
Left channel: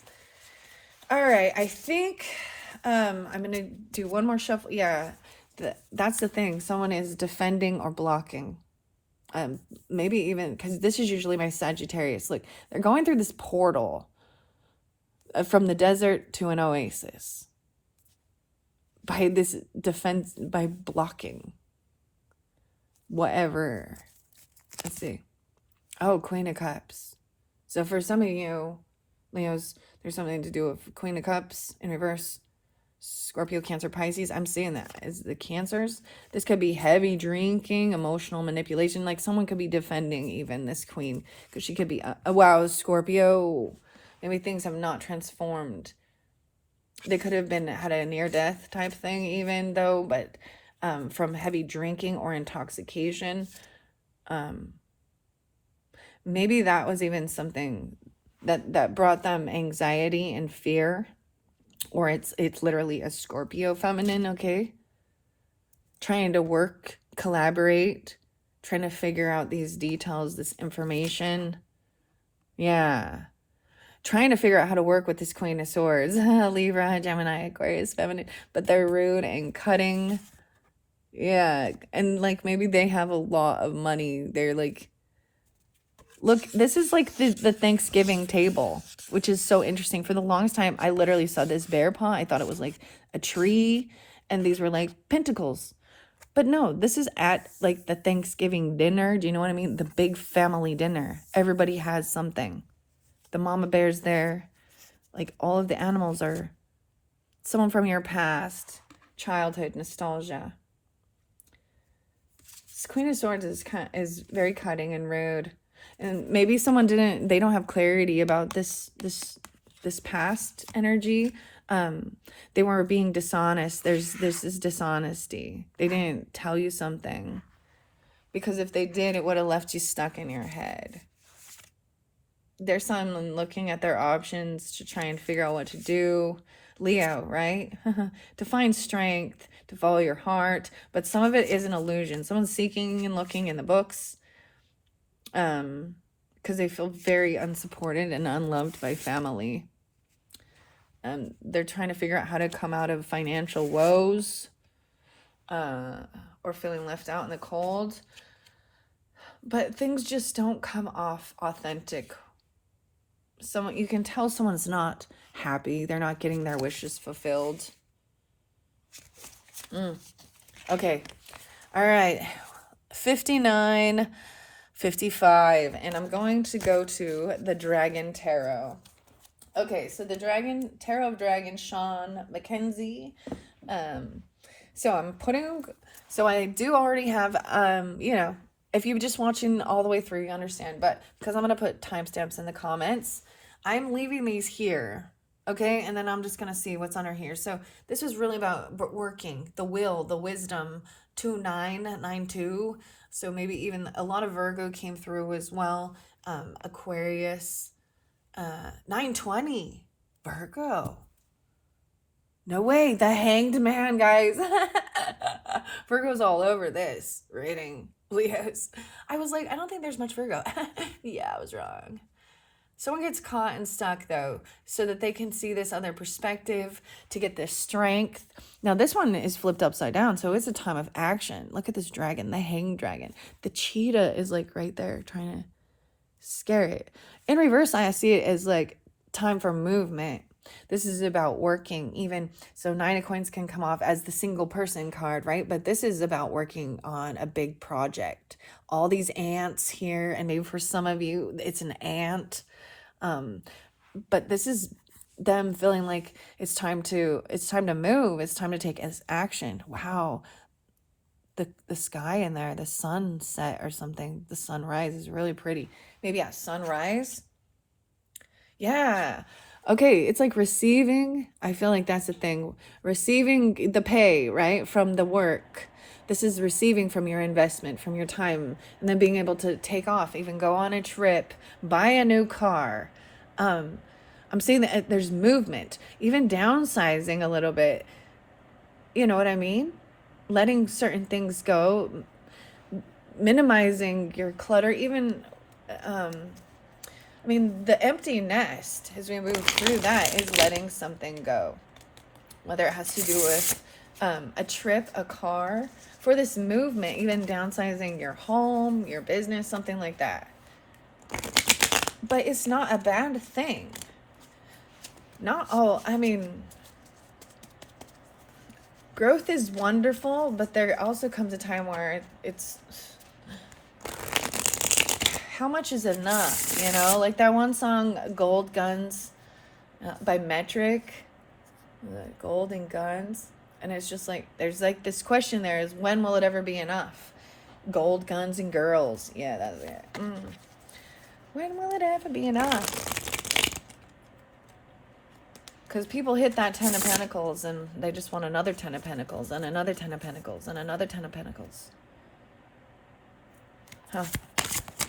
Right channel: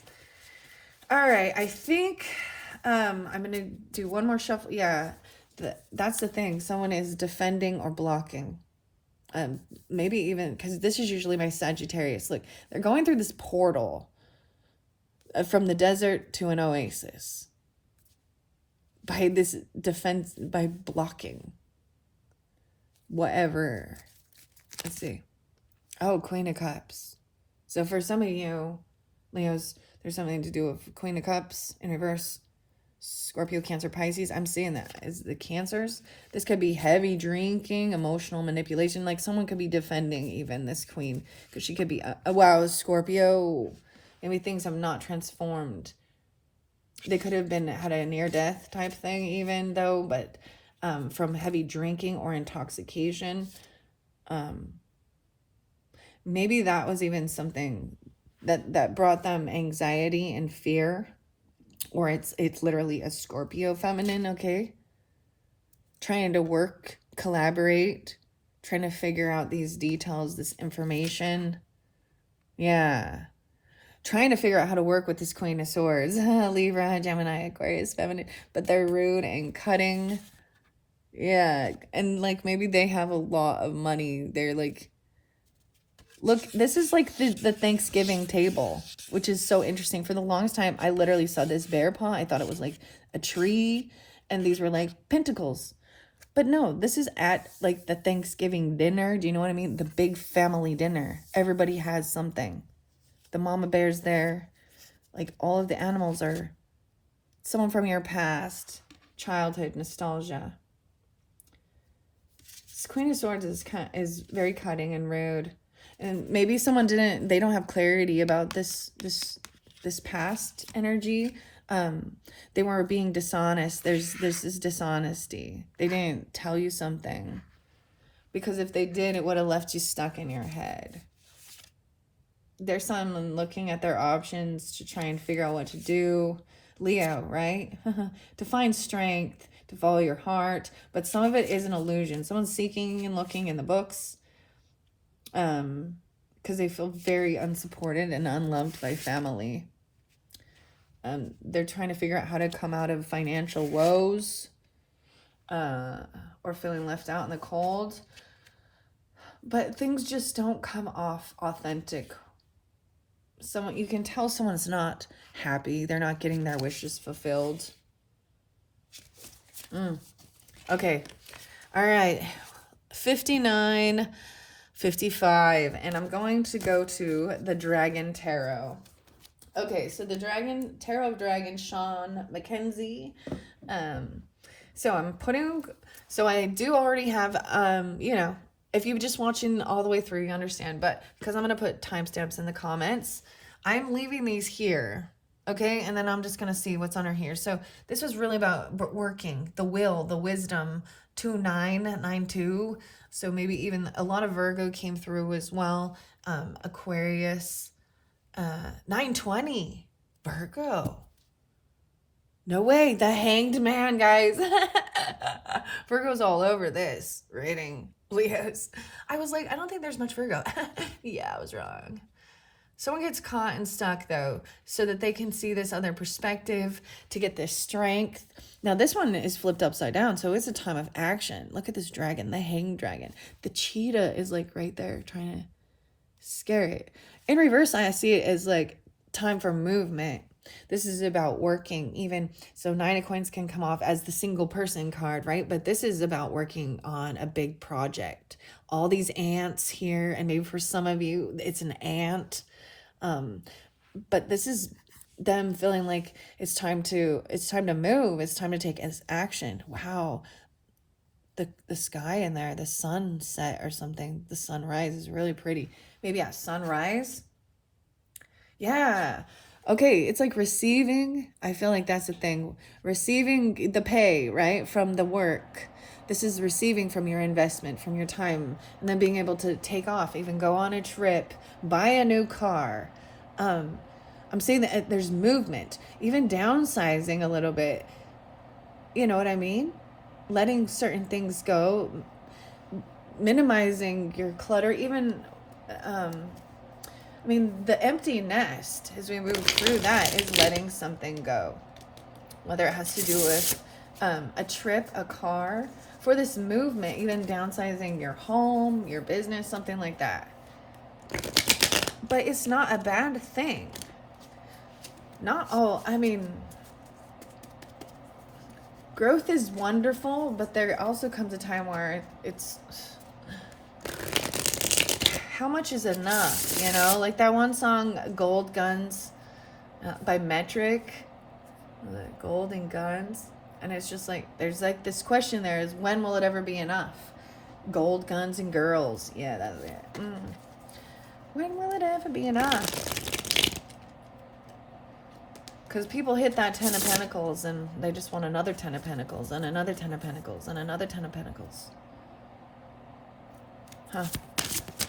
All right, I think I'm going to do one more shuffle. Yeah, that's the thing. Someone is defending or blocking. Maybe even, because this is usually my Sagittarius. Look, they're going through this portal from the desert to an oasis. By this defense, by blocking. Whatever. Let's see. Oh, Queen of Cups. So for some of you, Leos, there's something to do with Queen of Cups in reverse. Scorpio, Cancer, Pisces. I'm seeing that as the Cancers. This could be heavy drinking, emotional manipulation. Like someone could be defending even this Queen. Because she could be, wow, Scorpio. Maybe things have not transformed. They could have had a near-death type thing even though. But from heavy drinking or intoxication. Maybe that was even something that brought them anxiety and fear. Or it's literally a Scorpio feminine, okay? Trying to work, collaborate, trying to figure out these details, this information. Yeah. Trying to figure out how to work with this Queen of Swords. Libra, Gemini, Aquarius, feminine. But they're rude and cutting. Yeah. And like maybe they have a lot of money. They're like, look, this is like the Thanksgiving table, which is so interesting. For the longest time, I literally saw this bear paw. I thought it was like a tree, and these were like pentacles. But no, this is at like the Thanksgiving dinner. Do you know what I mean? The big family dinner. Everybody has something. The mama bear's there. Like all of the animals are someone from your past, childhood, nostalgia. This Queen of Swords is very cutting and rude. And maybe someone they don't have clarity about this past energy. They were being dishonest. There's this dishonesty. They didn't tell you something. Because if they did, it would have left you stuck in your head. There's someone looking at their options to try and figure out what to do. Leo, right? To find strength, to follow your heart. But some of it is an illusion. Someone's seeking and looking in the books. Because they feel very unsupported and unloved by family. They're trying to figure out how to come out of financial woes, or feeling left out in the cold. But things just don't come off authentic someone, you can tell someone's not happy. They're not getting their wishes fulfilled. Okay. All right. 59, 55. And I'm going to go to the Dragon Tarot. Okay, so the Dragon Tarot of Dragon, Sean Mackenzie. So I do already have, if you're just watching all the way through, you understand. But because I'm going to put timestamps in the comments, I'm leaving these here. Okay, and then I'm just going to see what's under here. So this was really about working, the will, the wisdom, 2992. So maybe even a lot of Virgo came through as well. Aquarius, 920, Virgo. No way, the Hanged Man, guys. Virgo's all over this reading. Leos. I was like, I don't think there's much Virgo. Yeah, I was wrong. Someone gets caught and stuck, though, so that they can see this other perspective, to get this strength. Now, this one is flipped upside down, so it's a time of action. Look at this dragon, the hanged dragon. The cheetah is, like, right there trying to scare it. In reverse, I see it as, like, time for movement. This is about working, even. So 9 of coins can come off as the single person card, right? But this is about working on a big project. All these ants here, and maybe for some of you, it's an ant. But this is them feeling like it's time to move. It's time to take action. Wow. The sky in there, the sunset or something, the sunrise is really pretty. Maybe a sunrise. Yeah. Okay, it's like receiving. I feel like that's the thing. Receiving the pay, right, from the work. This is receiving from your investment, from your time, and then being able to take off, even go on a trip, buy a new car. I'm saying that there's movement, even downsizing a little bit. You know what I mean? Letting certain things go, minimizing your clutter, even the empty nest, as we move through that, is letting something go. Whether it has to do with a trip, a car, for this movement, even downsizing your home, your business, something like that. But it's not a bad thing. Growth is wonderful, but there also comes a time where it's... how much is enough, like that one song, Gold Guns, by Metric, Gold and Guns, and it's just like, there's like this question there is, when will it ever be enough? Gold, guns, and girls. Yeah, that's it. When will it ever be enough? Because people hit that 10 of Pentacles and they just want another 10 of Pentacles and another 10 of Pentacles and another 10 of Pentacles. Huh.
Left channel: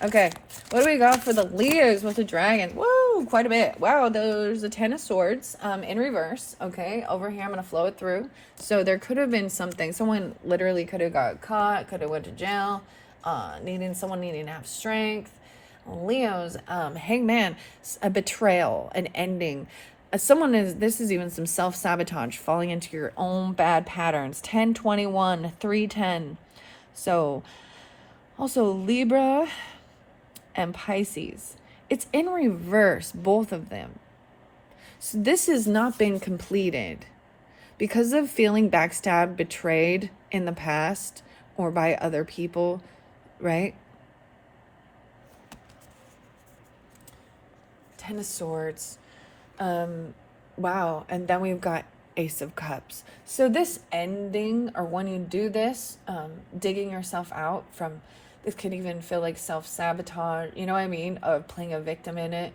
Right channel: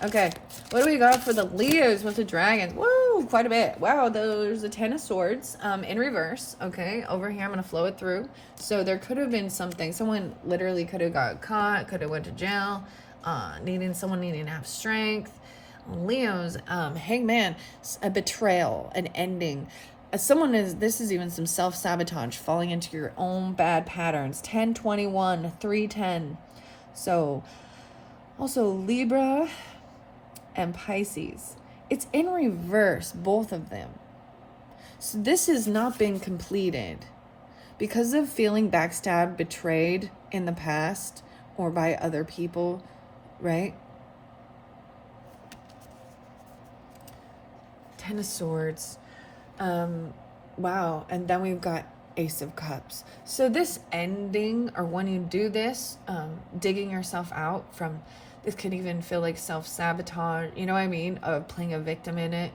Okay, what do we got for the Leos with the dragons? Whoa, quite a bit. Wow, there's the 10 of Swords in reverse. Okay, over here I'm going to flow it through. So there could have been something. Someone literally could have got caught, could have went to jail, someone needing to have strength. Leos, Hangman, a betrayal, an ending. This is even some self-sabotage, falling into your own bad patterns. 10-21, 3-10. So also Libra and Pisces. It's in reverse, both of them. So this has not been completed because of feeling backstabbed, betrayed in the past or by other people, right? 10 of Swords. Wow. And then we've got Ace of Cups. So this ending, or when you do this, digging yourself out from, this could even feel like self-sabotage, you know what I mean? Of playing a victim in it.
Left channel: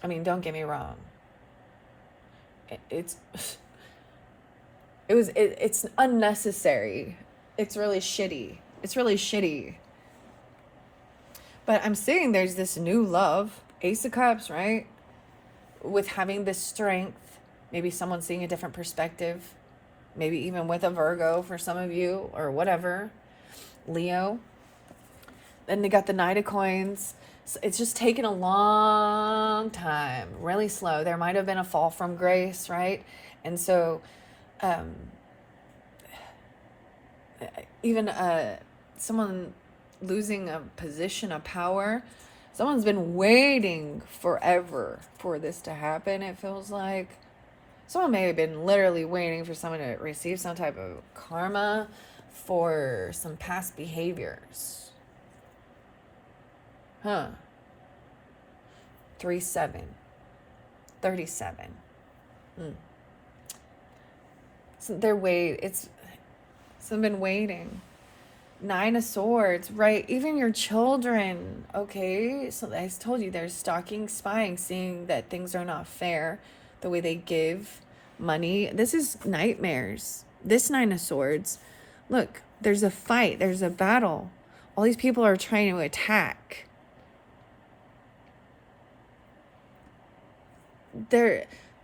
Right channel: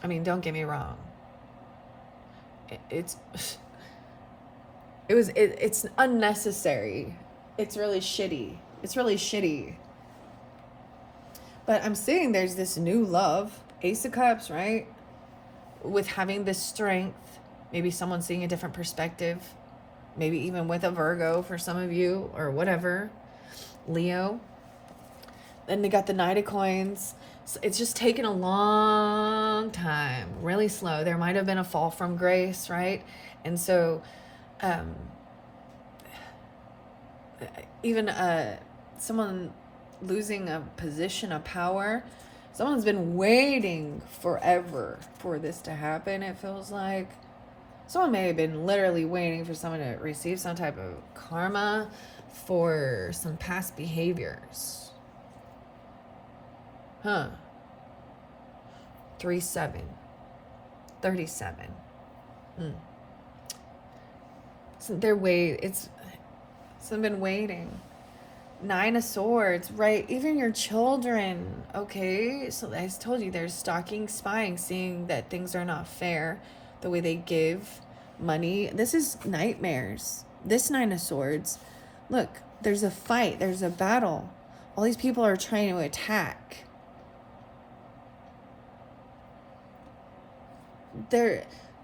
I mean, don't get me wrong. It's unnecessary. It's really shitty. But I'm seeing there's this new love. Ace of Cups, right? With having this strength. Maybe someone seeing a different perspective. Maybe even with a Virgo for some of you, or whatever. Leo. Then they got the Knight of Coins. So it's just taken a long time. Really slow. There might have been a fall from grace, right? And so even someone losing a position of power, Someone's been waiting forever for this to happen, it feels like. Someone may have been literally waiting for someone to receive some type of karma for some past behaviors. 3-7. 37. So someone been waiting. 9 of Swords, right? Even your children, okay? So I told you, they're stalking, spying, seeing that things are not fair, the way they give money. This is nightmares. This 9 of Swords, look, there's a fight, there's a battle. All these people are trying to attack.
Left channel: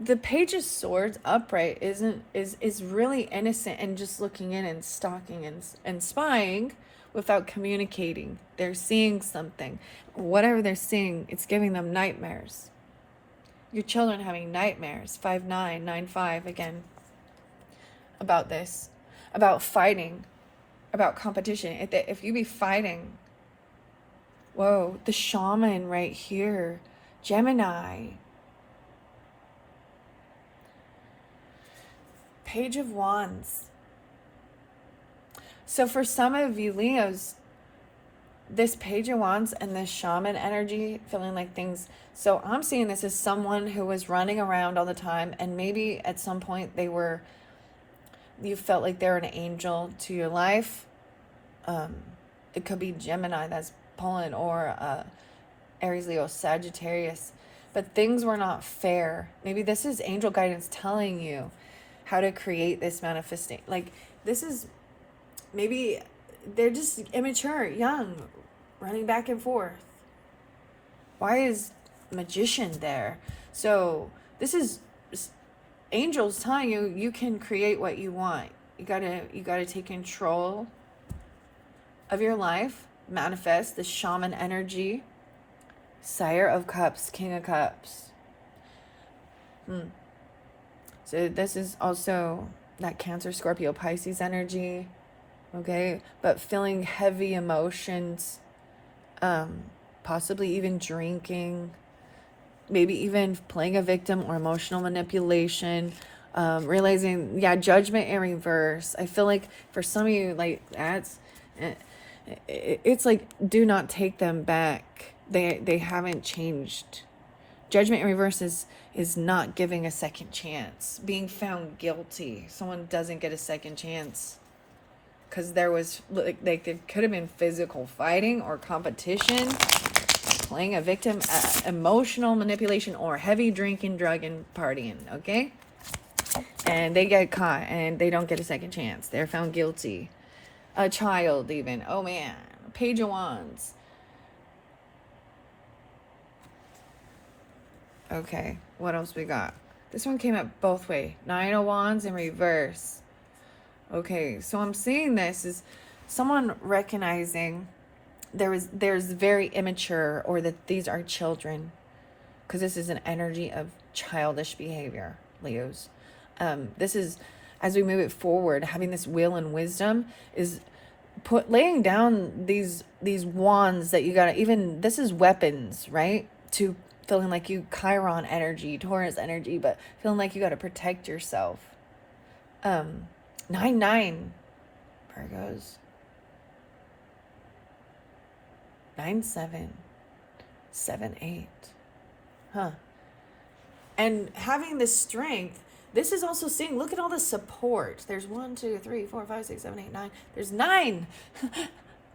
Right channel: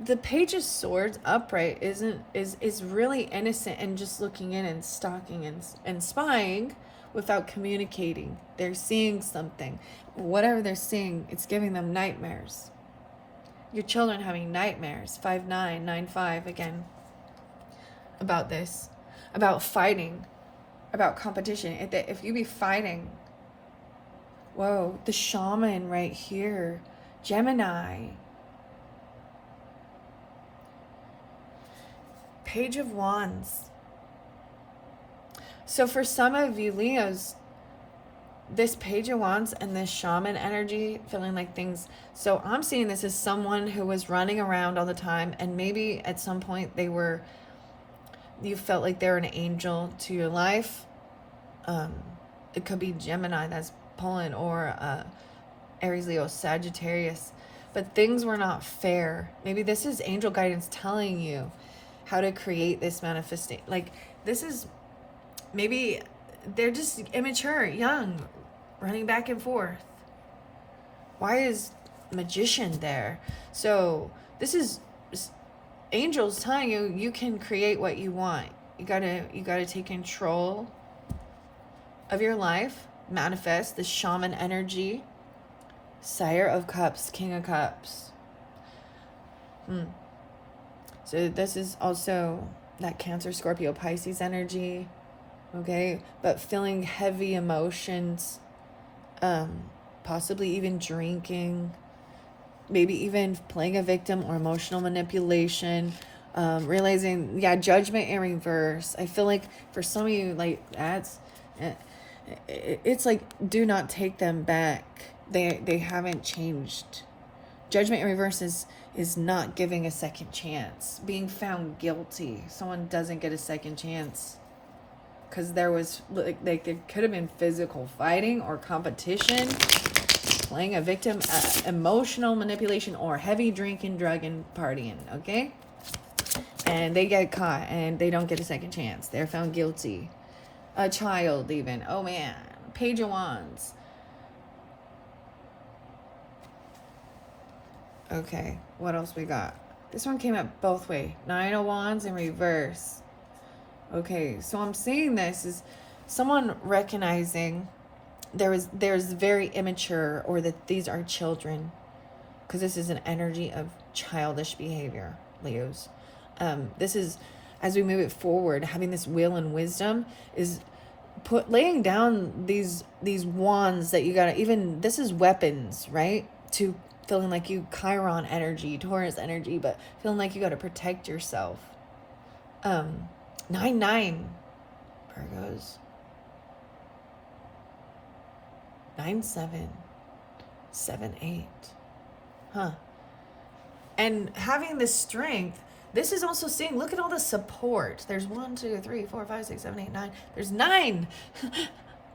The Page of Swords upright is really innocent and just looking in and stalking and spying without communicating. They're seeing something. Whatever they're seeing, it's giving them nightmares. Your children having nightmares. 5-9, 9-5 again. About this. About fighting. About competition. If you be fighting. Whoa, the shaman right here. Gemini. Page of Wands. So for some of you Leos, this Page of Wands and this shaman energy, feeling like things. So I'm seeing this as someone who was running around all the time, and maybe at some point you felt like they were an angel to your life. It could be Gemini, that's Poland, or Aries, Leo, Sagittarius. But things were not fair. Maybe this is angel guidance telling you how to create this manifesting. Like, this is, maybe they're just immature, young, running back and forth. Why is Magician there? So this is angels telling you, you can create what you want. You gotta take control of your life. Manifest the shaman energy. Sire of Cups, King of Cups. So this is also that Cancer, Scorpio, Pisces energy, okay? But feeling heavy emotions, possibly even drinking, maybe even playing a victim or emotional manipulation, realizing, judgment in reverse. I feel like for some of you, like, it's like, do not take them back. They haven't changed. Judgment in reverse is not giving a second chance. Being found guilty. Someone doesn't get a second chance. Because there was, like, it could have been physical fighting or competition, playing a victim, emotional manipulation, or heavy drinking, drugging, partying, okay? And they get caught and they don't get a second chance. They're found guilty. A child even. Oh man. Page of Wands. Okay, what else we got? This one came up both way. 9 of Wands in reverse. Okay, so I'm seeing this is someone recognizing there's very immature, or that these are children, because this is an energy of childish behavior, Leos. This is, as we move it forward, having this will and wisdom is laying down these wands that you gotta, even this is weapons, right? To feeling like you Chiron energy, Taurus energy, but feeling like you got to protect yourself. 9-9 Virgos. 9-7 7-8. And having this strength, this is also seeing, look at all the support. There's 1, 2, 3, 4, 5, 6, 7, 8, 9. There's 9.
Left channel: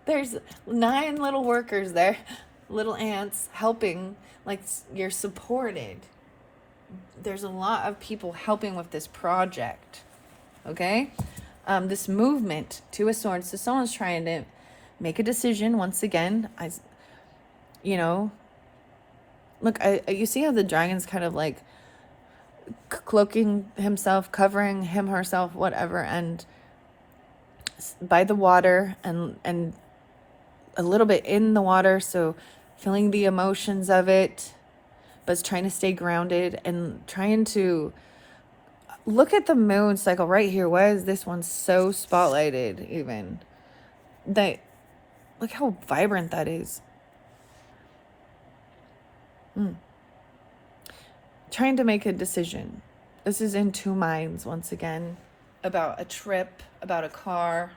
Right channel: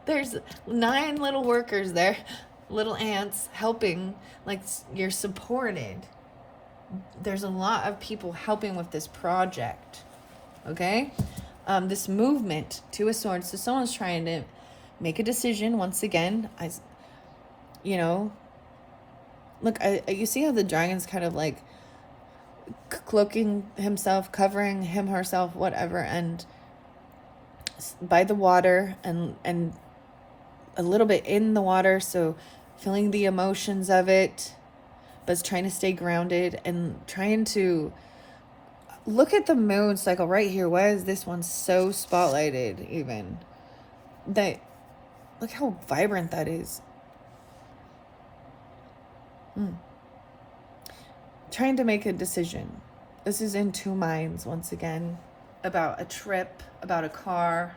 There's 9 little workers there, little ants helping. Like, you're supported. There's a lot of people helping with this project. Okay? This movement, 2 of Swords. So someone's trying to make a decision once again. Look, you see how the dragon's kind of like cloaking himself, covering him, herself, whatever, and by the water and a little bit in the water, so feeling the emotions of it, but trying to stay grounded and trying to look at the moon cycle right here. Why is this one so spotlighted even? Look how vibrant that is. Trying to make a decision. This is in two minds once again. About a trip, about a car,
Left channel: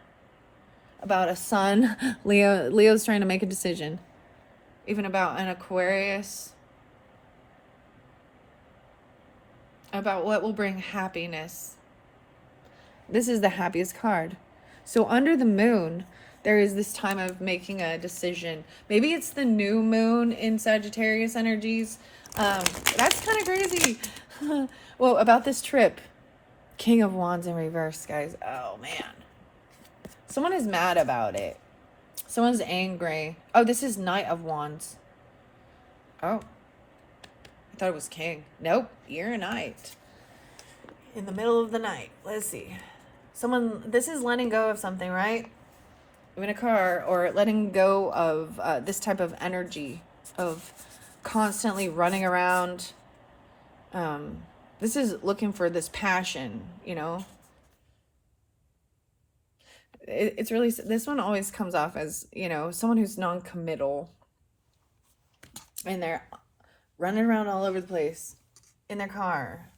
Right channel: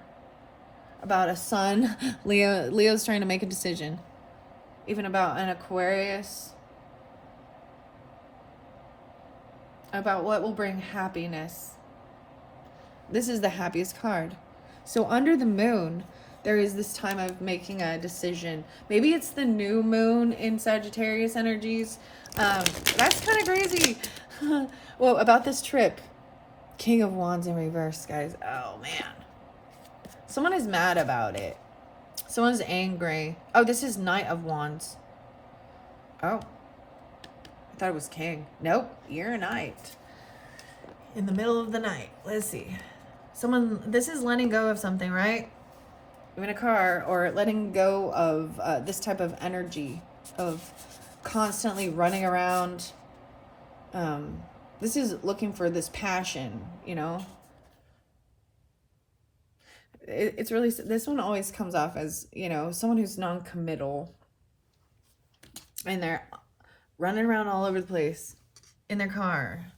about a son. Leo's trying to make a decision. Even about an Aquarius. About what will bring happiness. This is the happiest card. So under the moon, there is this time of making a decision. Maybe it's the new moon in Sagittarius energies. That's kind of crazy. Well, about this trip. King of Wands in reverse, guys. Oh, man. Someone is mad about it. Someone's angry. Oh, this is Knight of Wands. Oh. I thought it was King. Nope. You're a Knight. In the middle of the night. Let's see. This is letting go of something, right? In a car, or letting go of this type of energy of constantly running around. This is looking for this passion, you know. It's really, this one always comes off as, you know, someone who's non-committal. And they're running around all over the place in their car.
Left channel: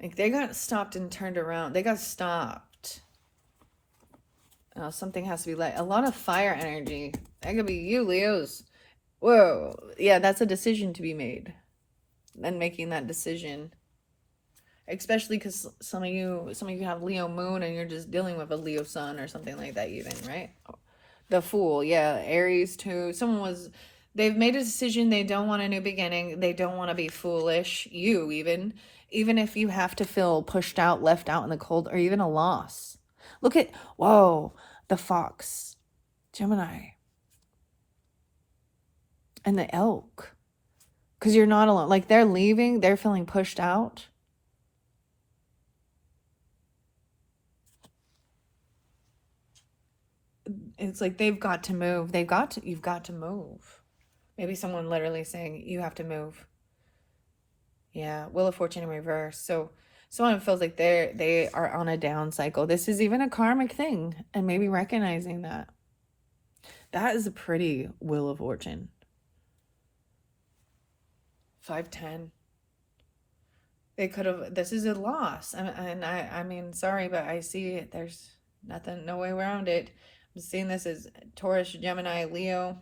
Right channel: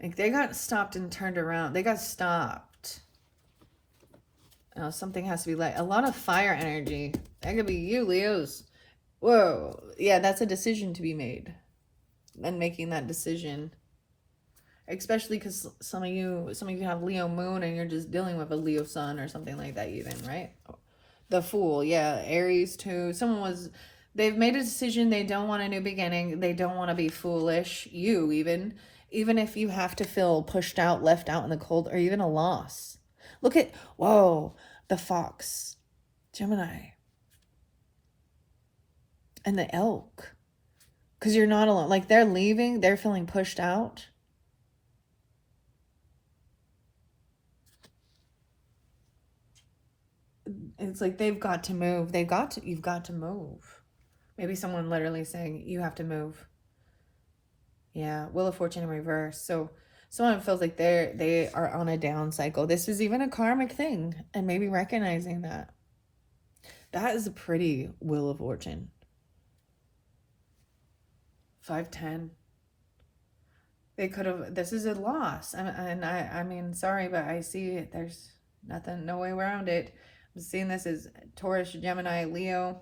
Like, they got stopped and turned around. They got stopped. You know, something has to be a lot of fire energy. That could be you, Leos. Whoa. Yeah, that's a decision to be made. And making that decision. Especially because some of you have Leo moon and you're just dealing with a Leo sun or something like that even, right? The Fool, yeah. Aries too. They've made a decision. They don't want a new beginning. They don't want to be foolish. You even if you have to feel pushed out, left out in the cold, or even a loss. Look at, whoa, the Fox, Gemini, and the Elk. Because you're not alone. Like, they're leaving, they're feeling pushed out. It's like they've got to move. You've got to move. Maybe someone literally saying, you have to move. Yeah, Wheel of Fortune in reverse. So someone feels like they are on a down cycle. This is even a karmic thing, and maybe recognizing that. That is a pretty Wheel of Fortune. 510. They could have. This is a loss, and I mean, sorry, but I see it. There's nothing, no way around it. I'm seeing this as Taurus, Gemini, Leo,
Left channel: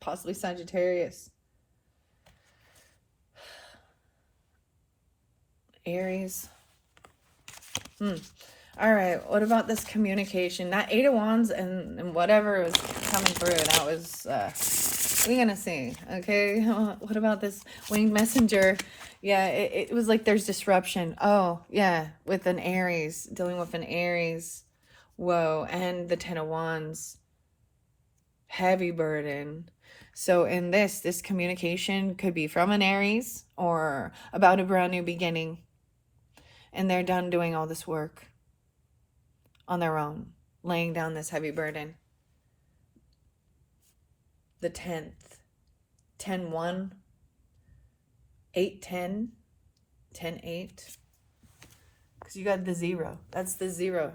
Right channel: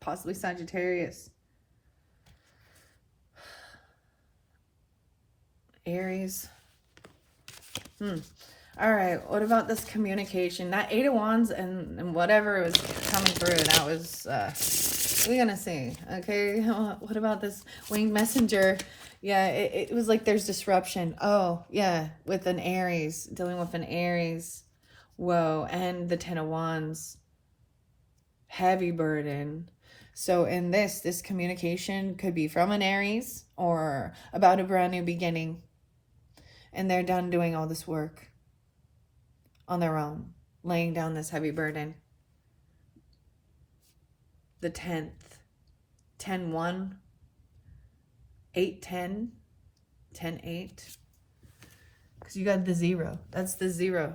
possibly Sagittarius. Aries. All right, what about this communication? That Eight of Wands and whatever was coming through, that was, we're gonna see, okay? What about this winged messenger? Yeah, it was like there's disruption. Oh, yeah, with an Aries, dealing with an Aries. Whoa, and the Ten of Wands. Heavy burden. So in this communication could be from an Aries or about a brand new beginning. And they're done doing all this work on their own, laying down this heavy burden. The 10th, 10-1, 8-10, 10-8. Because you got the 0. That's the 0.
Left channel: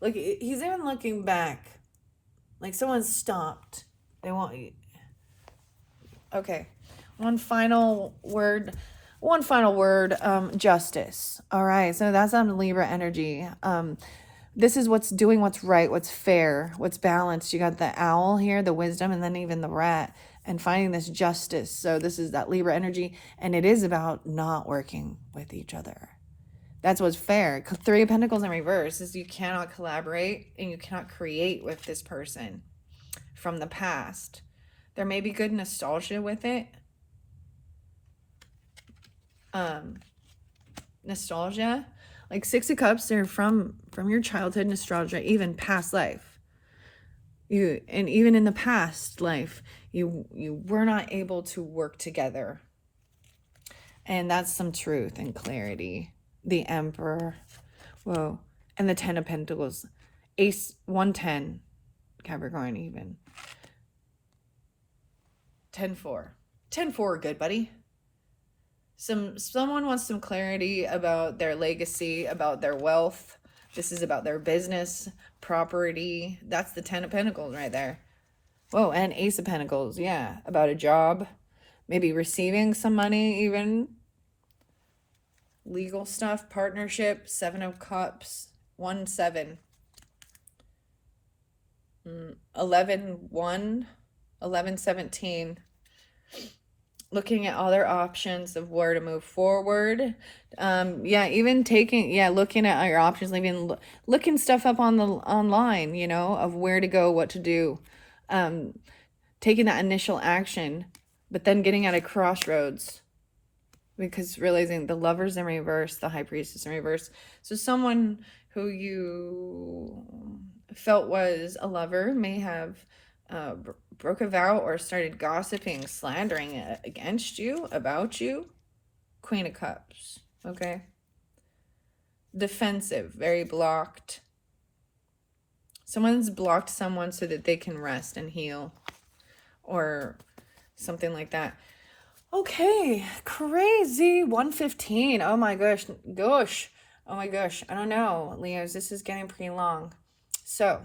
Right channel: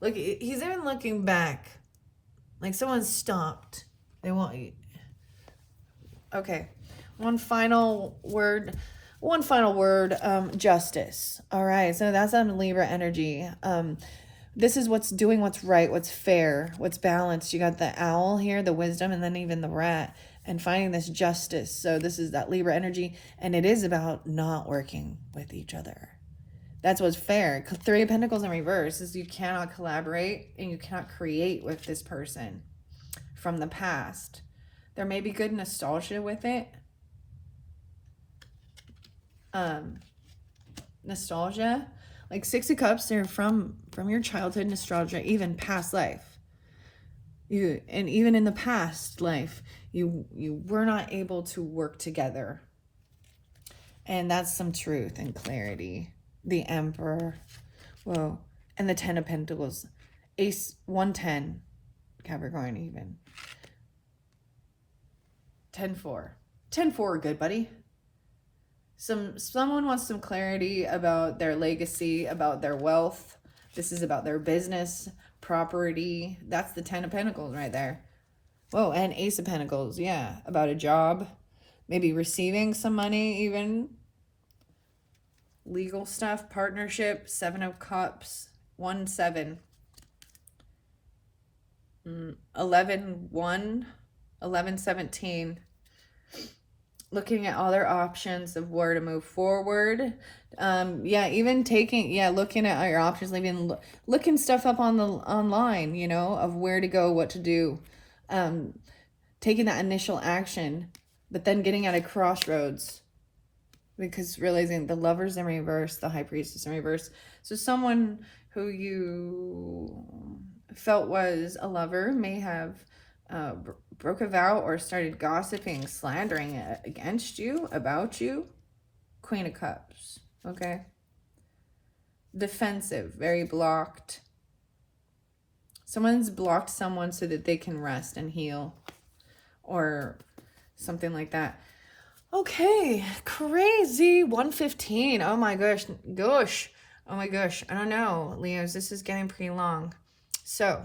Look, he's even looking back. Like someone stopped. They want you. Okay. One final word, justice. All right. So that's on Libra energy. This is what's doing what's right, what's fair, what's balanced. You got the owl here, the wisdom, and then even the rat, and finding this justice. So this is that Libra energy, and it is about not working with each other. That's what's fair. 3 of Pentacles in reverse is you cannot collaborate and you cannot create with this person from the past. There may be good nostalgia with it. Nostalgia. Like 6 of Cups, they're from your childhood nostalgia, even past life. And even in the past life, you were not able to work together. And that's some truth and clarity. The Emperor. Whoa. And the 10 of Pentacles. Ace 110. Capricorn even. 10-4. 10-4, good buddy. Someone wants some clarity about their legacy, about their wealth. This is about their business, property. That's the 10 of Pentacles right there. Whoa, and Ace of Pentacles. Yeah, about a job. Maybe receiving some money even. Legal stuff, partnership, 7 of Cups, 1-7. 11-1, 11-17. Looking at other options of where to move forward. Yeah, even taking, looking at your options, even looking stuff up on the online, you know, of where to go, what to do. Taking that initial action, but then getting at a crossroads, because realizing the Lover's in reverse, the High Priestess in reverse. So someone who you felt was a lover may have broke a vow or started gossiping, slandering against you, about you. Queen of Cups, okay? Defensive, very blocked. Someone's blocked someone so that they can rest and heal, or something like that. Okay, crazy. 115. Oh my gosh. Oh my gosh. I don't know, Leos. This is getting pretty long. So,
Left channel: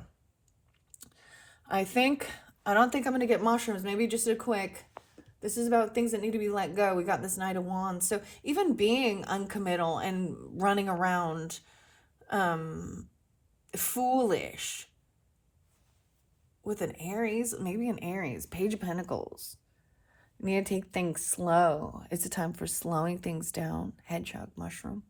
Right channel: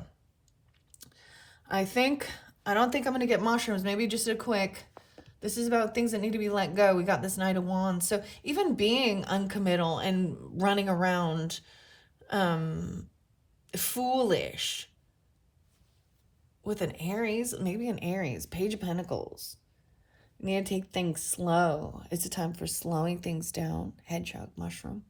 I don't think I'm going to get mushrooms. Maybe just a quick. This is about things that need to be let go. We got this Knight of Wands. So, even being uncommittal and running around foolish with an Aries, maybe an Aries, Page of Pentacles. You need to take things slow. It's a time for slowing things down. Hedgehog mushroom.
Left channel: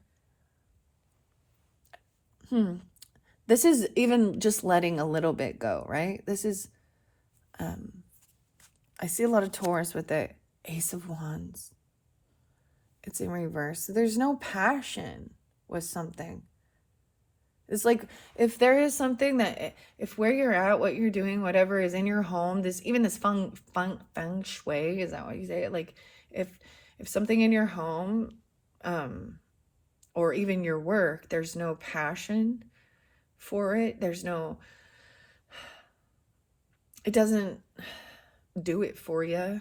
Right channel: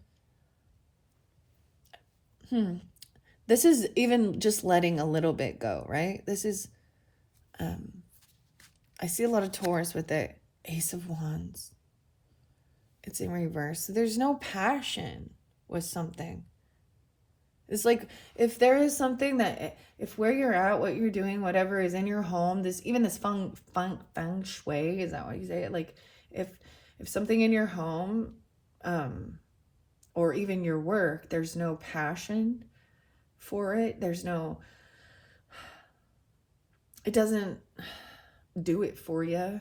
This is even just letting a little bit go, right? This is, I see a lot of Taurus with the Ace of Wands. It's in reverse. So there's no passion with something. It's like, if there is something that, if where you're at, what you're doing, whatever is in your home, this feng shui, is that what you say it? Like, if something in your home, or even your work, there's no passion for it, it doesn't do it for you,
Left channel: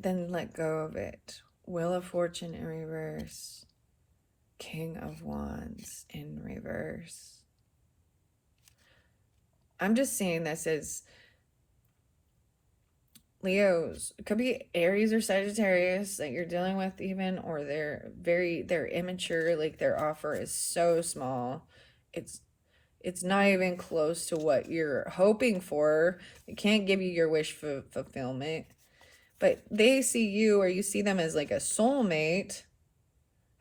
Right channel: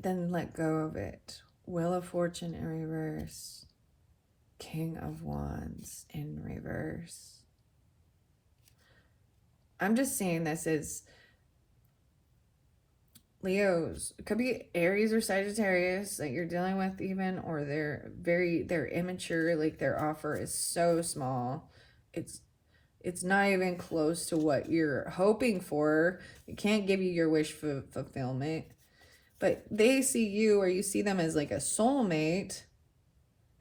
then let go of it. Wheel of Fortune in reverse. King of Wands in reverse. I'm just seeing this as Leos. It could be Aries or Sagittarius that you're dealing with even, or they're immature, like their offer is so small. It's not even close to what you're hoping for. It can't give you your wish fulfillment. But they see you, or you see them as like a soulmate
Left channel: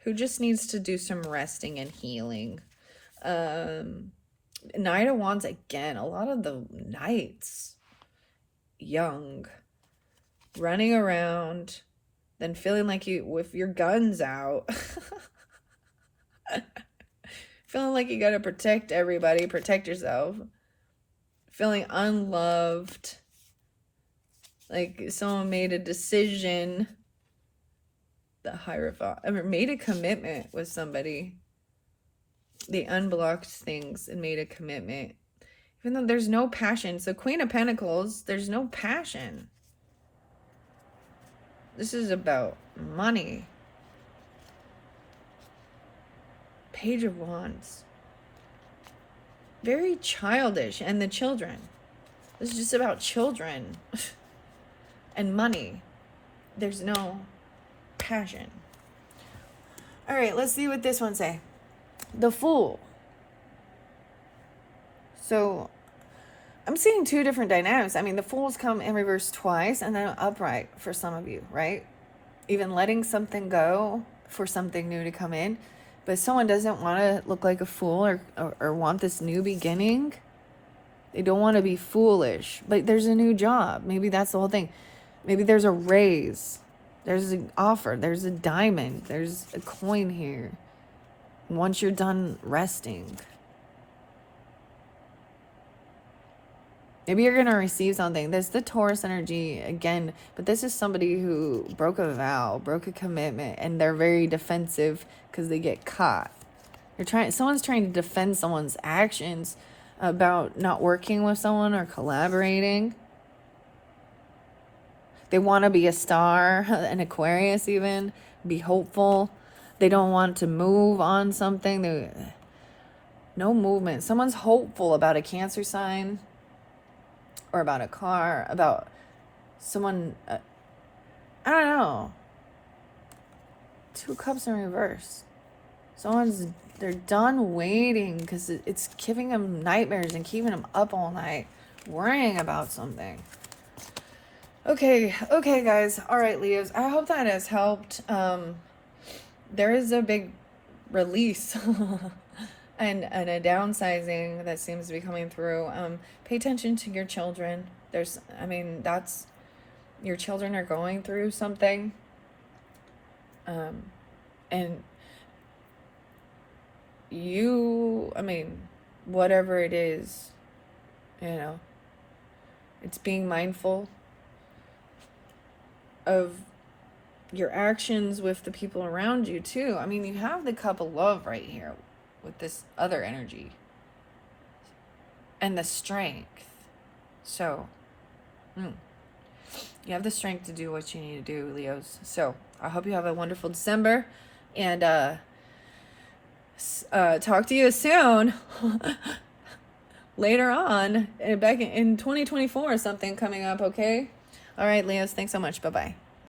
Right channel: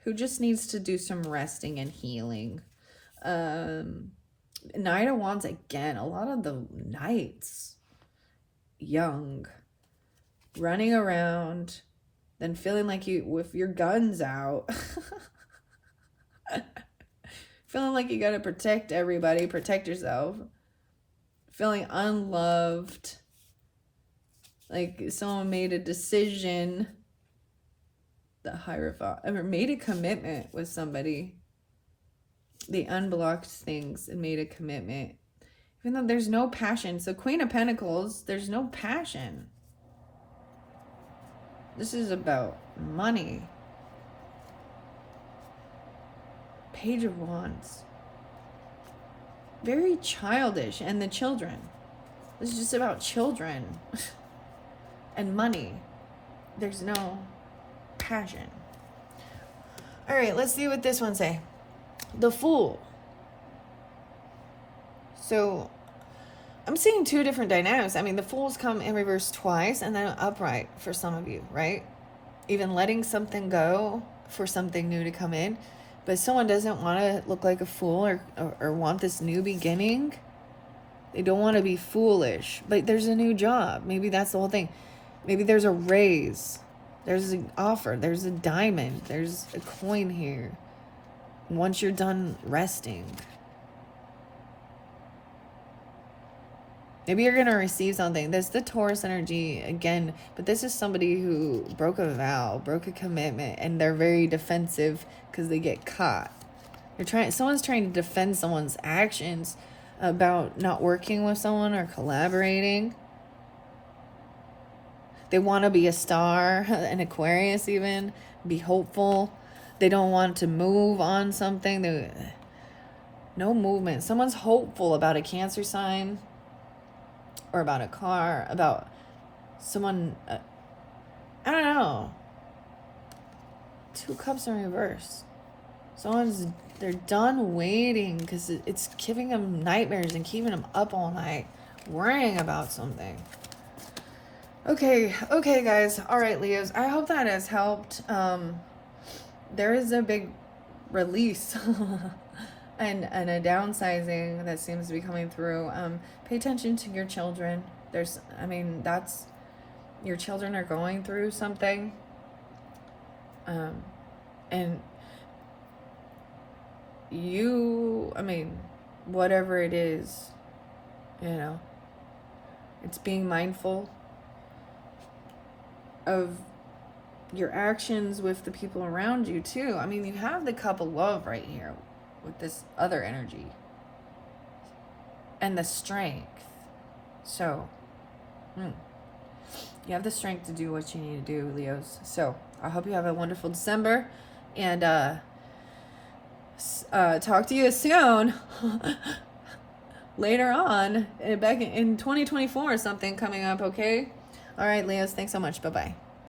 who just needs to do some resting and healing. Knight of Wands again. A lot of the knights, young, running around, then feeling like you, with your guns out, feeling like you gotta protect everybody, protect yourself, feeling unloved, like someone made a decision, the Hierophant, or made a commitment with somebody. They unblocked things and made a commitment, even though there's no passion. So Queen of Pentacles, there's no passion. This is about money. Page of Wands, very childish. And the children, this is just about children and money. There's no passion. All right, let's see what this one say. The Fool. So I'm seeing two different dynamics. I mean, the Fools come in reverse twice and then upright for some of you, right? Even letting something go for something new to come in. But someone doesn't want to look like a fool, or want this new beginning. They don't want to be foolish, but there's a new job. Maybe that's the whole thing. Maybe there's a raise. There's an offer. There's a diamond. There's a coin here. Once you're done resting, maybe you're going to receive something. This is the Taurus energy again, but this is somebody who broke a vow, broke a commitment, and they're very defensive because they get caught. Someone's trying to defend someone's actions about not working with someone or collaborating. They want to be a star, an Aquarius even, be hopeful. They don't want to move on something. No movement. Someone's hopeful about a Cancer sign, or about a car, about someone, I don't know. 2 cups in reverse. They're done waiting because it's giving them nightmares and keeping them up all night, worrying about something. Okay, guys. All right, Leos. I hope that has helped. There is a big release and a downsizing that seems to be coming through. Pay attention to your children. Your children are going through something. And whatever it is, it's being mindful of your actions with the people around you too. You have the cup of love right here with this other energy and the strength. So, you have the strength to do what you need to do, Leos. So I hope you have a wonderful December, and talk to you soon. Later on, back in 2024 or something coming up, okay? All right, Leos, thanks so much. Bye-bye.